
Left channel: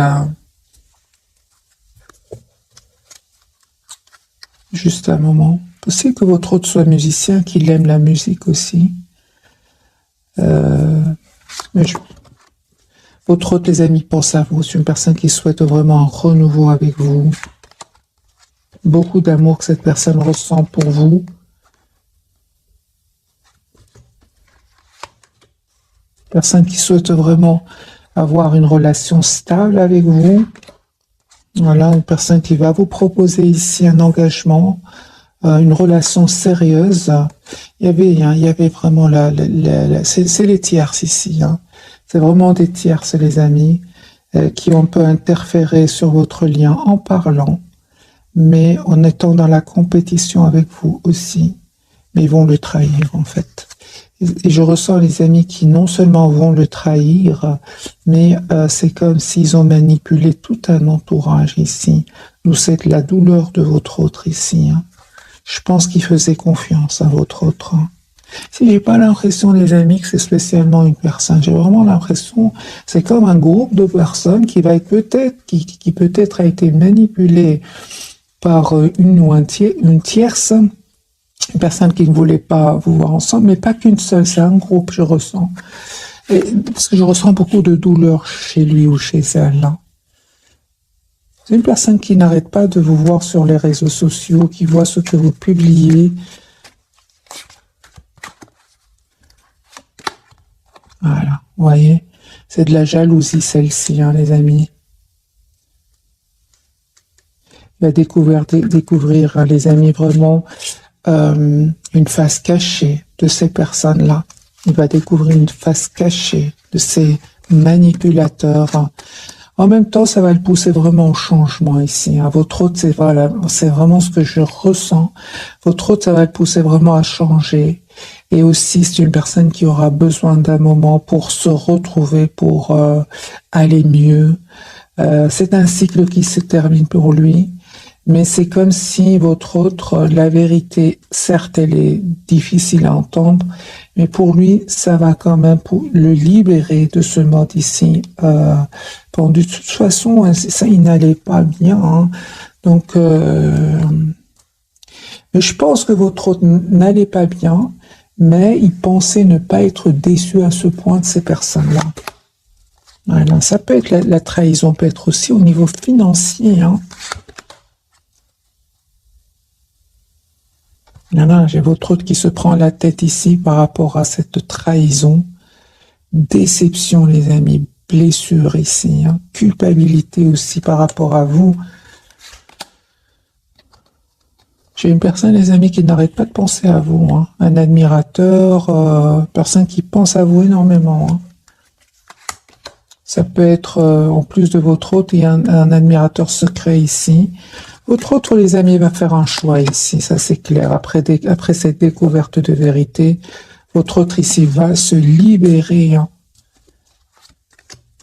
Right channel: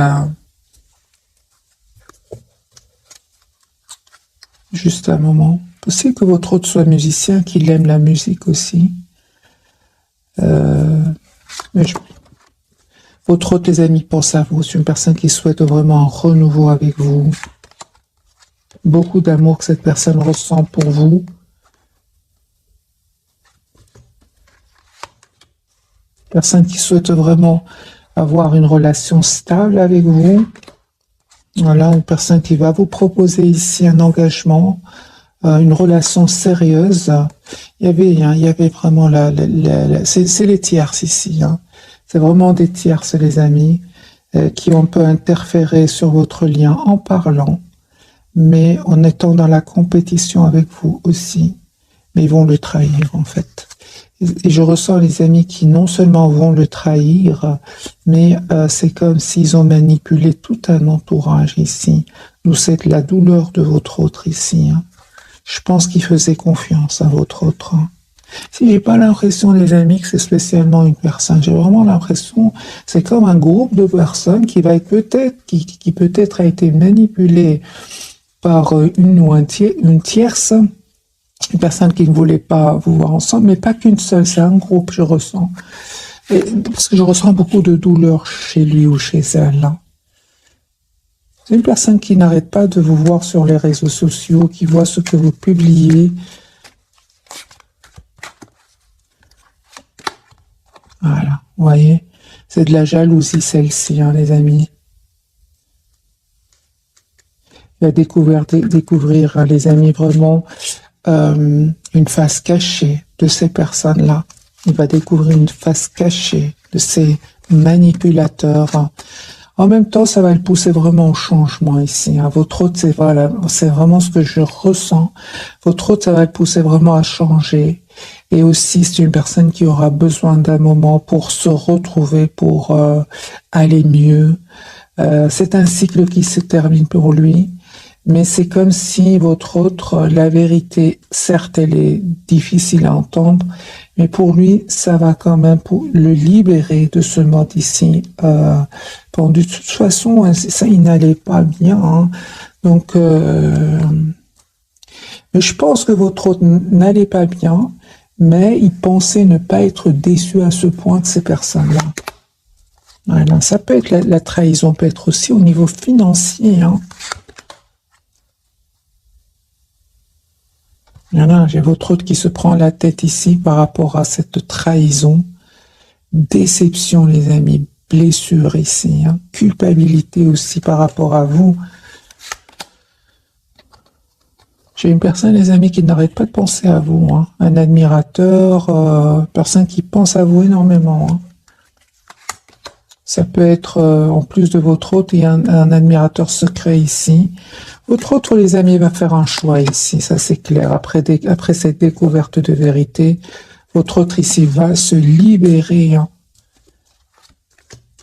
juste un moment. Possible que votre autre soit musicien, qu'il aime la musique aussi. Mais votre autre, les amis, pense à vous. C'est une personne qui souhaite vraiment un renouveau avec vous. Beaucoup d'amour que cette personne ressent pour vous. Personne qui souhaite vraiment avoir une relation stable avec vous. Voilà, une personne qui va vous proposer ici un engagement, une relation sérieuse. Il y avait vraiment c'est les tierces ici. C'est vraiment des tierces, les amis, qui on peut interférer sur votre lien en parlant, mais en étant dans la compétition avec vous aussi. Mais ils vont le trahir, en fait. Et je ressens, les amis, qui non seulement vont le trahir, mais c'est comme s'ils ont manipulé tout un entourage ici. D'où c'est la douleur de votre autre ici. Je pense qu'il faisait confiance à votre autre. Si j'ai pas l'impression, les amis, que c'est spécialement une personne, j'ai vraiment l'impression, c'est comme un groupe de personnes qui va être qui peut-être a été manipulé par une tierce, une personne qui ne voulait pas vous voir ensemble, mais pas qu'une seule, c'est un groupe, je ressens. Et, parce que je ressens beaucoup de douleur chez lui ou chez elle. C'est une personne qui n'arrête pas de vous voir sur les réseaux sociaux, qui voit ce que vous publiez. Voilà, vous voyez, c'est de la jalousie, celle-ci, les amis. Il va découvrir, les amis, vraiment une face cachée de ces personnes-là. On va découvrir une face cachée de ces manipulateurs. En même temps, ça va le pousser vraiment au changement ici. Votre autre, c'est vraiment ce que je ressens. Votre autre, ça va le pousser vraiment à changer. Et aussi, c'est une personne qui aura besoin d'un moment pour se retrouver, pour aller mieux. C'est un cycle qui se termine pour lui. Mais c'est comme si votre autre, la vérité, certes, elle est difficile à entendre, mais pour lui, ça va quand même pour le libérer de ce monde ici. Bon, de toute façon, ça, il n'allait pas bien. Donc, mais je pense que votre autre n'allait pas bien, mais il pensait ne pas être déçu à ce point de ces personnes-là. Voilà, ça peut être la trahison, peut être aussi au niveau financier. Là, j'ai votre autre qui se prend la tête ici par rapport à cette trahison, déception, les amis, blessure ici, culpabilité aussi par rapport à vous. J'ai une personne, les amis, qui n'arrête pas de penser à vous, un admirateur, personne qui pense à vous énormément. Ça peut être, en plus de votre autre, il y a un admirateur secret ici. Votre autre, les amis, va faire un choix ici, ça c'est clair. Après cette découverte de vérité, votre autre ici va se libérer.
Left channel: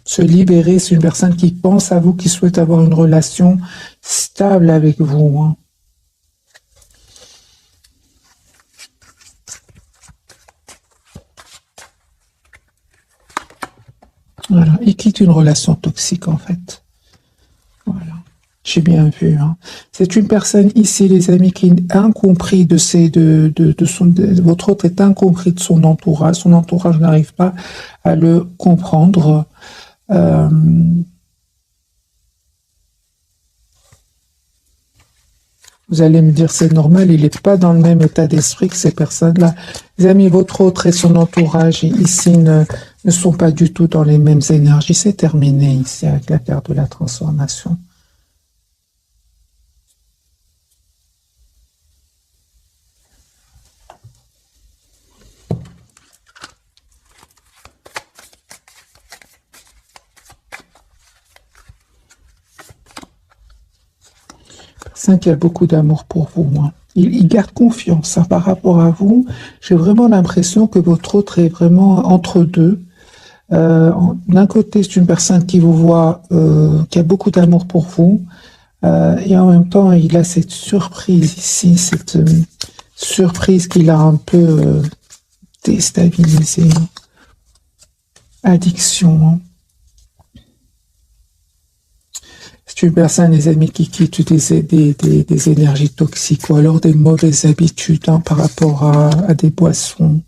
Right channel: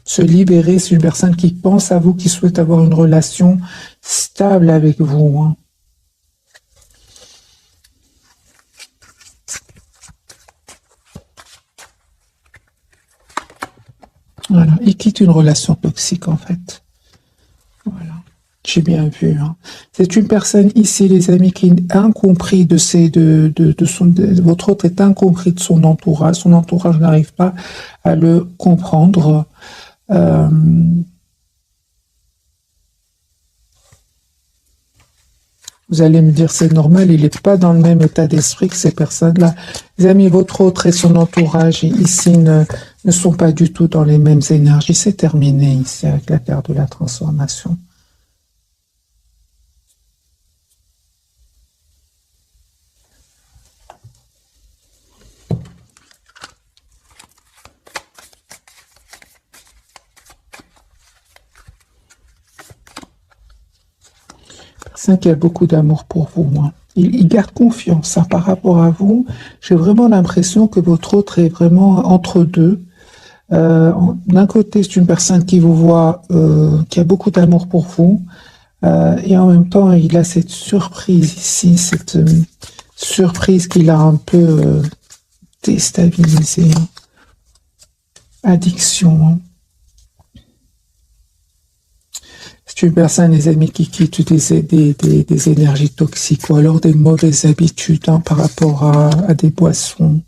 Se libérer, c'est une personne qui pense à vous, qui souhaite avoir une relation stable avec vous. Voilà, il quitte une relation toxique en fait. Voilà. J'ai bien vu. C'est une personne ici, les amis, qui est incompris votre autre est incompris de son entourage. Son entourage n'arrive pas à le comprendre. Vous allez me dire, c'est normal, il n'est pas dans le même état d'esprit que ces personnes-là. Les amis, votre autre et son entourage, ici, ne sont pas du tout dans les mêmes énergies. C'est terminé ici avec le cœur de la transformation. Personne qui a beaucoup d'amour pour vous. Hein. Il garde confiance par rapport à vous. J'ai vraiment l'impression que votre autre est vraiment entre deux. D'un côté, c'est une personne qui vous voit, qui a beaucoup d'amour pour vous. Et en même temps, il a cette surprise ici, cette surprise qu'il a un peu déstabilisée. Addiction. Hein. C'est une personne, les amis, qui utilise des énergies toxiques ou alors des mauvaises habitudes hein, par rapport à des boissons.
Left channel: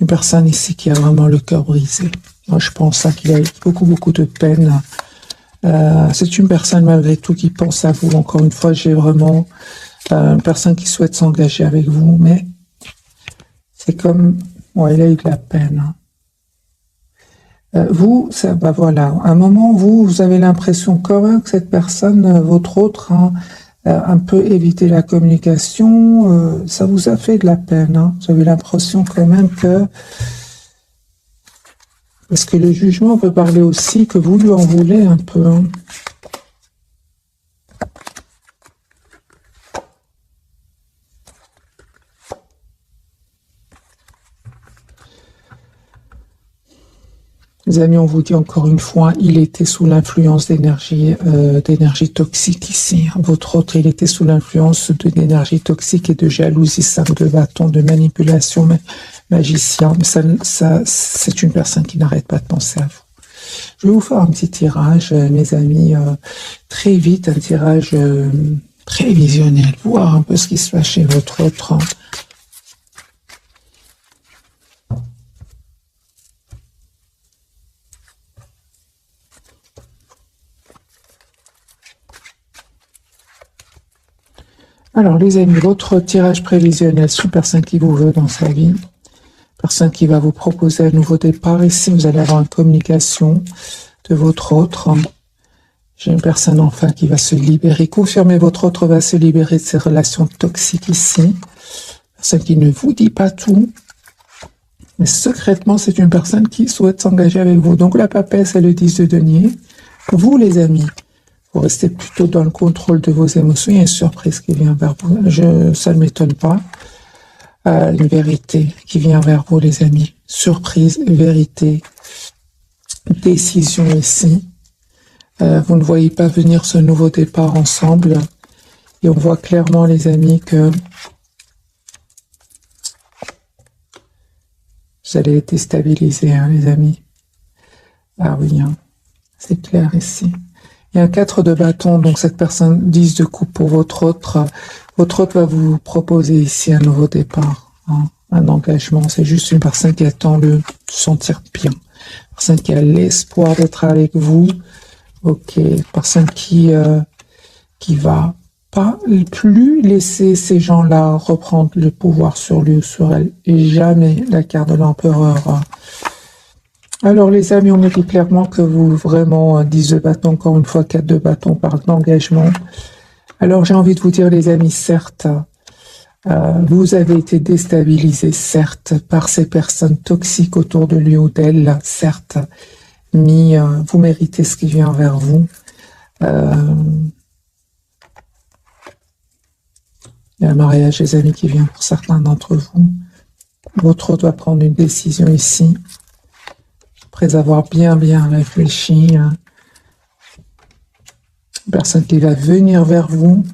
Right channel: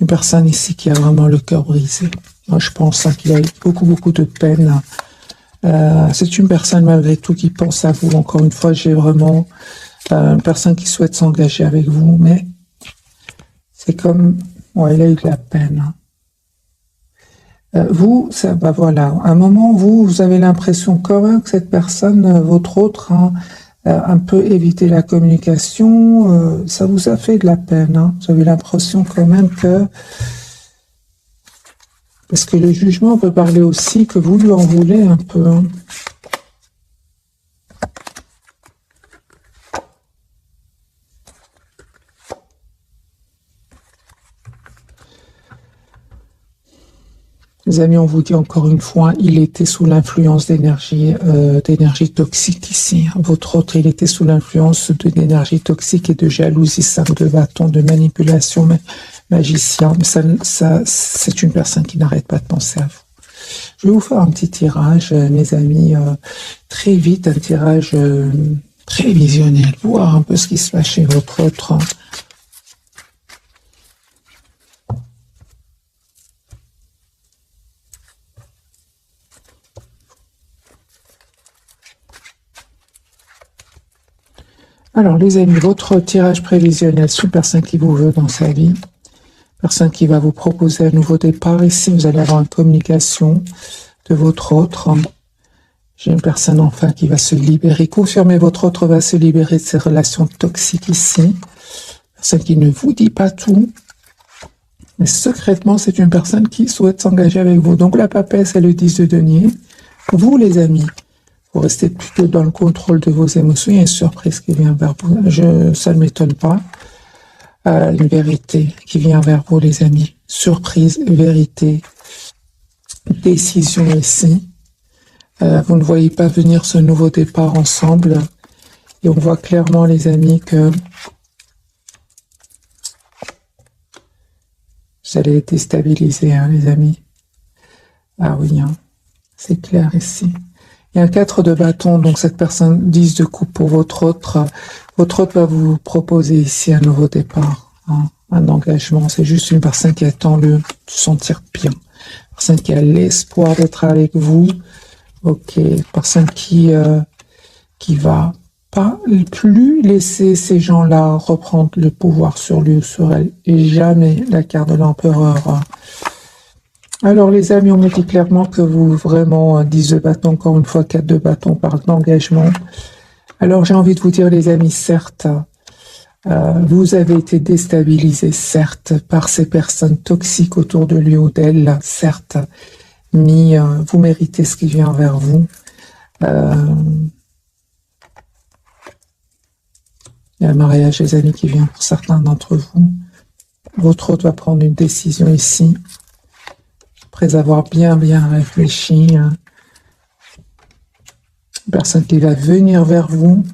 Une personne ici qui a vraiment le cœur brisé. Moi, je pense hein, qu'il a eu beaucoup de peine. C'est une personne, malgré tout, qui pense à vous. Encore une fois, j'ai vraiment une personne qui souhaite s'engager avec vous, mais c'est comme... Ouais, il a eu de la peine. Hein. Vous, ça, bah voilà, à un moment, vous avez l'impression quand même que cette personne, votre autre, hein, un peu éviter la communication, ça vous a fait de la peine. Hein. Vous avez l'impression quand même que... Parce que le jugement peut parler aussi que vous lui en voulez un peu. Hein. Les amis, on vous dit encore une fois, il était sous l'influence d'énergie toxique ici. Votre autre, il était sous l'influence d'énergie toxique et de jalousie, 5 de bâton, de manipulation, magicien. Mais ça, c'est une personne qui n'arrête pas de penser à vous. Je vais vous faire un petit tirage, mes amis, très vite, un tirage prévisionnel, voir un peu ce qui se passe chez votre autre. Alors, les amis, votre tirage prévisionnel sur personne qui vous veut dans sa vie, personne qui va vous proposer un nouveau départ. Ici, vous allez avoir une communication de votre autre. J'ai une personne enfin qui va se libérer. Confirmez, votre autre va se libérer de ses relations toxiques ici. Personne qui ne vous dit pas tout. Mais secrètement, c'est une personne qui souhaite s'engager avec vous. Donc, la papesse, c'est le 10 de denier. Vous, les amis, vous restez plutôt dans le contrôle de vos émotions. Il y a une surprise qui vient vers vous. Ça ne m'étonne pas. Une vérité qui vient vers vous, les amis. Surprise, vérité, décision ici. Vous ne voyez pas venir ce nouveau départ ensemble. Et on voit clairement, les amis, que vous allez être déstabilisés, hein, les amis. Ah oui, hein, c'est clair ici. Il y a 4 de bâton, donc cette personne 10 de coupe pour votre autre. Votre autre va vous proposer ici un nouveau départ, hein, un engagement. C'est juste une personne qui attend de se sentir bien. Une personne qui a l'espoir d'être avec vous. Ok, personne qui va pas plus laisser ces gens-là reprendre le pouvoir sur lui ou sur elle. Et jamais la carte de l'empereur. Hein. Alors les amis, on me dit clairement que vous vraiment 10 de bâton, encore une fois 4 de bâton parle d'engagement. Alors j'ai envie de vous dire les amis, certes, vous avez été déstabilisés, certes, par ces personnes toxiques autour de lui ou d'elle, certes, mais vous méritez ce qui vient vers vous. Il y a un mariage, les amis, qui vient pour certains d'entre vous. Votre autre doit prendre une décision ici. Après avoir bien réfléchi, personne qui va venir vers vous.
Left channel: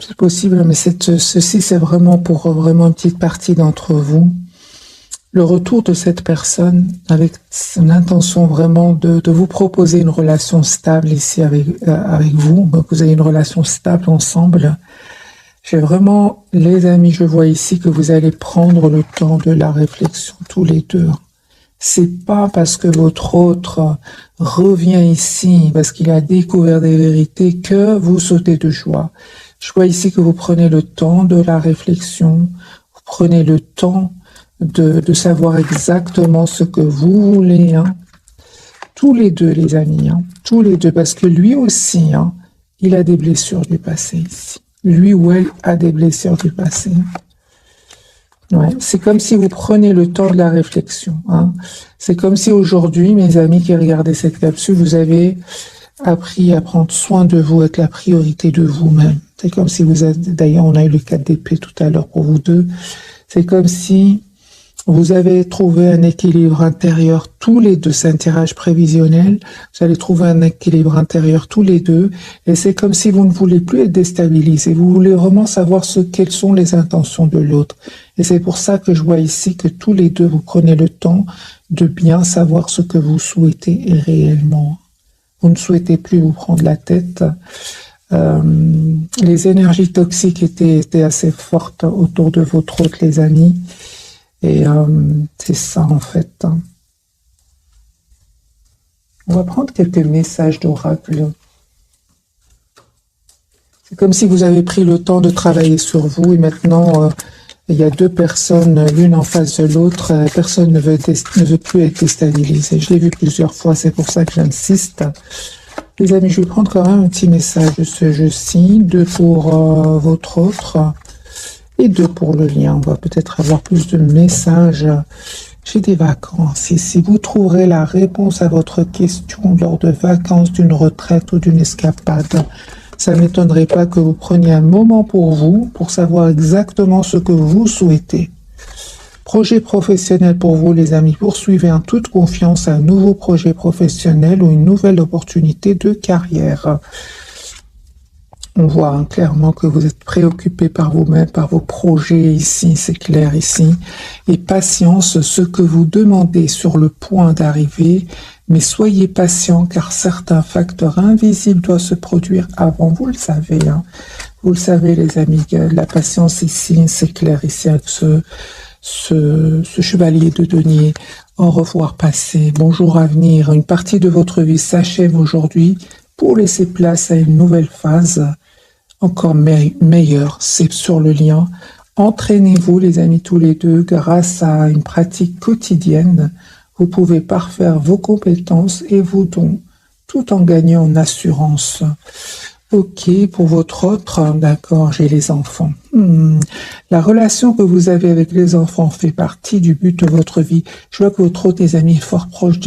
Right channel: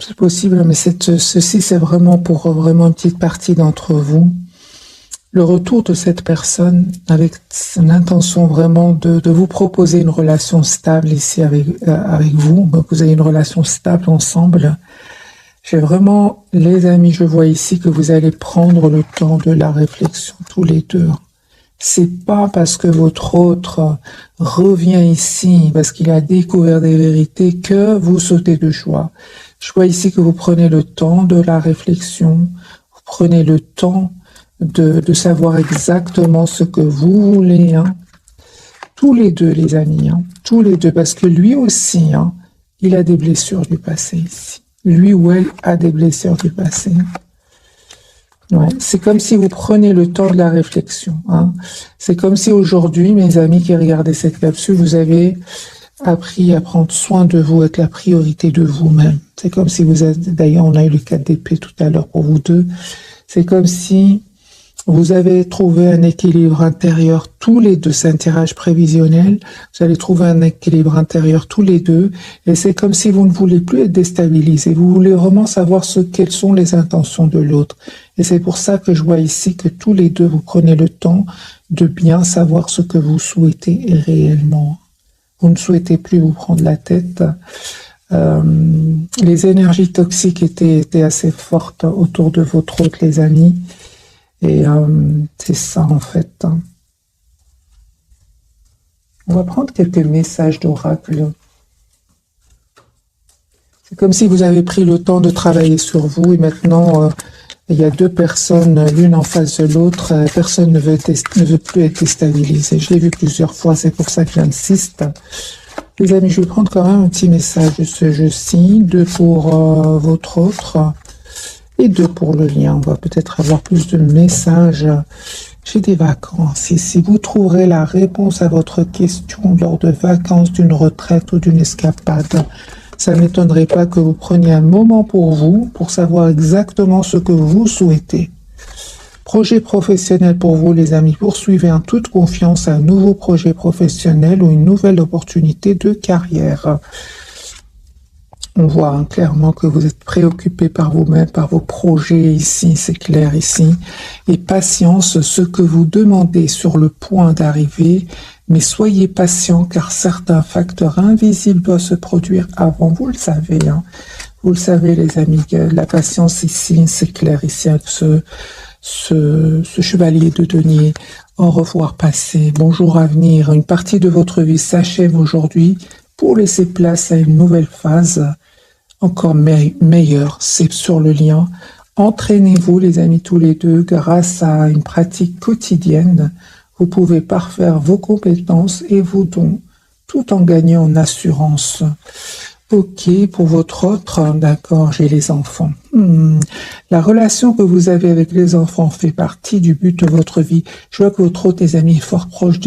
C'est possible, mais ceci, c'est vraiment pour vraiment une petite partie d'entre vous. le retour de cette personne avec l'intention vraiment de vous proposer une relation stable ici avec vous. Donc vous avez une relation stable ensemble. J'ai vraiment, les amis, je vois ici que vous allez prendre le temps de la réflexion tous les deux. C'est pas parce que votre autre revient ici, parce qu'il a découvert des vérités, que vous sautez de joie. Je vois ici que vous prenez le temps de la réflexion, vous prenez le temps de savoir exactement ce que vous voulez, hein. Tous les deux, les amis, hein. Tous les deux, parce que lui aussi, hein, il a des blessures du passé ici. Lui ou elle a des blessures du passé. Ouais. C'est comme si vous prenez le temps de la réflexion, hein. C'est comme si aujourd'hui, mes amis qui regardaient cette capsule, vous avez appris à prendre soin de vous, être la priorité de vous-même. C'est comme si vous êtes, d'ailleurs, on a eu le 4 d'épée tout à l'heure pour vous deux. C'est comme si vous avez trouvé un équilibre intérieur tous les deux. C'est un tirage prévisionnel. Vous allez trouver un équilibre intérieur tous les deux. Et c'est comme si vous ne voulez plus être déstabilisé. Vous voulez vraiment savoir quelles sont les intentions de l'autre. Et c'est pour ça que je vois ici que tous les deux, vous prenez le temps de bien savoir ce que vous souhaitez réellement. Vous ne souhaitez plus vous prendre la tête. Les énergies toxiques étaient assez fortes autour de vos trucs, les amis. Et c'est ça en fait. On va prendre quelques messages d'oracle. C'est comme si vous avez pris le temps de travailler sur vous et maintenant il y a deux personnes, l'une en face de l'autre. Personne ne veut plus être déstabilisé. Je l'ai vu plusieurs fois, c'est pour ça que j'insiste. Les amis, je vais prendre quand même un petit message de ce jeu-ci, 2 pour votre autre. Et 2 pour le lien. On va peut-être avoir plus de messages. J'ai des vacances. Et si vous trouverez la réponse à votre question lors de vacances, d'une retraite ou d'une escapade, ça ne m'étonnerait pas que vous preniez un moment pour vous, pour savoir exactement ce que vous souhaitez. Projet professionnel pour vous, les amis. Poursuivez en toute confiance un nouveau projet professionnel ou une nouvelle opportunité de carrière. On voit clairement que vous êtes préoccupé par vous-même, par vos projets ici, c'est clair ici. Et patience, ce que vous demandez sur le point d'arriver, mais soyez patient car certains facteurs invisibles doivent se produire avant. Vous le savez, hein. Vous le savez les amis, la patience ici, c'est clair ici avec ce chevalier de denier. Au revoir passé, bonjour à venir. Une partie de votre vie s'achève aujourd'hui pour laisser place à une nouvelle phase. Encore meilleur, c'est sur le lien. Entraînez-vous les amis tous les deux grâce à une pratique quotidienne. Vous pouvez parfaire vos compétences et vos dons tout en gagnant en assurance. Ok, pour votre autre, d'accord, j'ai les enfants. La relation que vous avez avec les enfants fait partie du but de votre vie. Je vois que votre autre, les amis, est fort proche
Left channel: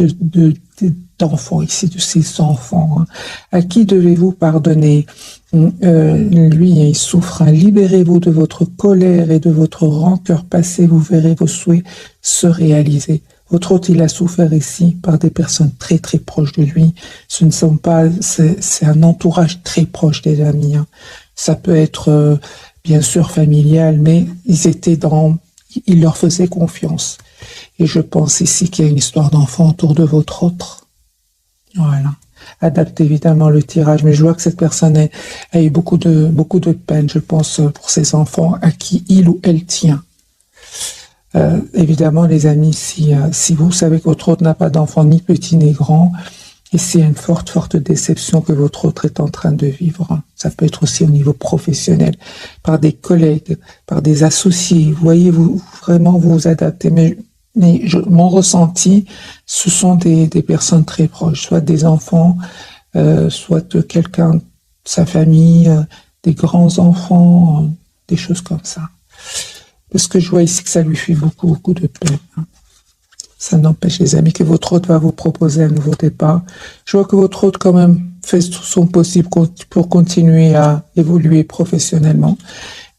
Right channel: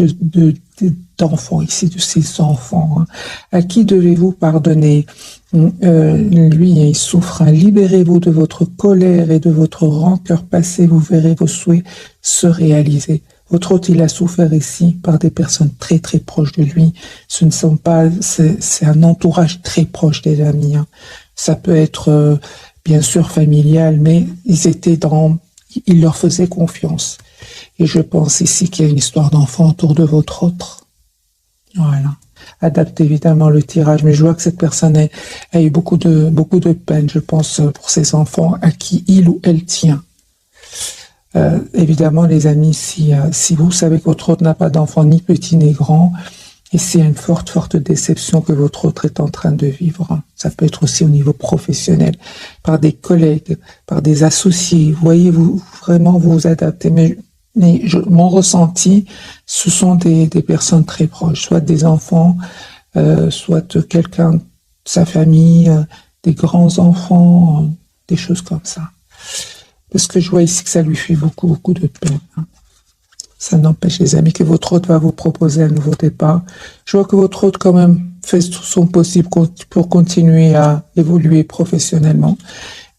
d'enfants ici, de ses enfants. À qui devez-vous pardonner? Lui, il souffre. Libérez-vous de votre colère et de votre rancœur passée. Vous verrez vos souhaits se réaliser. Votre autre, il a souffert ici par des personnes très très proches de lui. Ce ne sont pas, c'est un entourage très proche des amis, hein. Ça peut être bien sûr familial, mais il leur faisait confiance. Et je pense ici qu'il y a une histoire d'enfant autour de votre autre. Voilà. Adaptez évidemment le tirage, mais je vois que cette personne a eu beaucoup de peine, je pense, pour ses enfants à qui il ou elle tient. Évidemment, les amis, si vous savez que votre autre n'a pas d'enfant, ni petit ni grand, ici il y a une forte déception que votre autre est en train de vivre. Ça peut être aussi au niveau professionnel, par des collègues, par des associés. Vous voyez, vous vraiment vous adaptez. Mais mon ressenti, ce sont des personnes très proches, soit des enfants, soit quelqu'un, sa famille, des grands-enfants, des choses comme ça. Parce que je vois ici que ça lui fait beaucoup de peine. Ça n'empêche, les amis, que votre hôte va vous proposer un nouveau départ. Je vois que votre hôte, quand même, fait tout son possible pour continuer à évoluer professionnellement.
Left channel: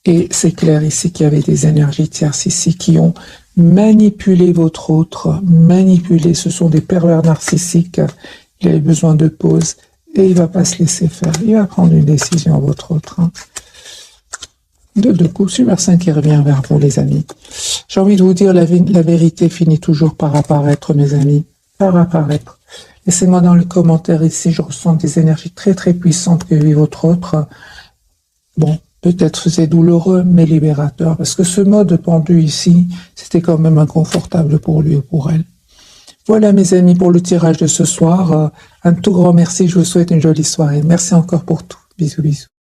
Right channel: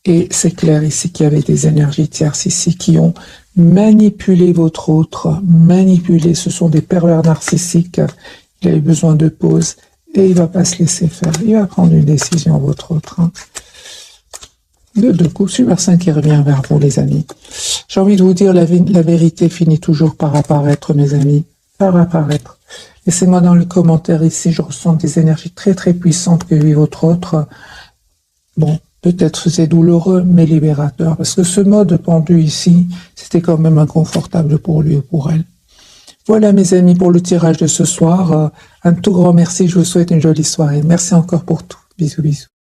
Et c'est clair ici qu'il y avait des énergies tierces ici qui ont manipulé votre autre, manipulé. Ce sont des pervers narcissiques. Il a besoin de pause et il ne va pas se laisser faire. Il va prendre une décision, votre autre. De coups, super 5 qui revient vers vous, les amis. J'ai envie de vous dire, la vérité finit toujours par apparaître, mes amis. Par apparaître. Laissez-moi dans les commentaires ici, je ressens des énergies très très puissantes que vit votre autre. Bon, peut-être que c'est douloureux, mais libérateur. Parce que ce mode pendu ici, c'était quand même inconfortable pour lui et pour elle. Voilà, mes amis, pour le tirage de ce soir. Un tout grand merci. Je vous souhaite une jolie soirée. Merci encore pour tout. Bisous, bisous.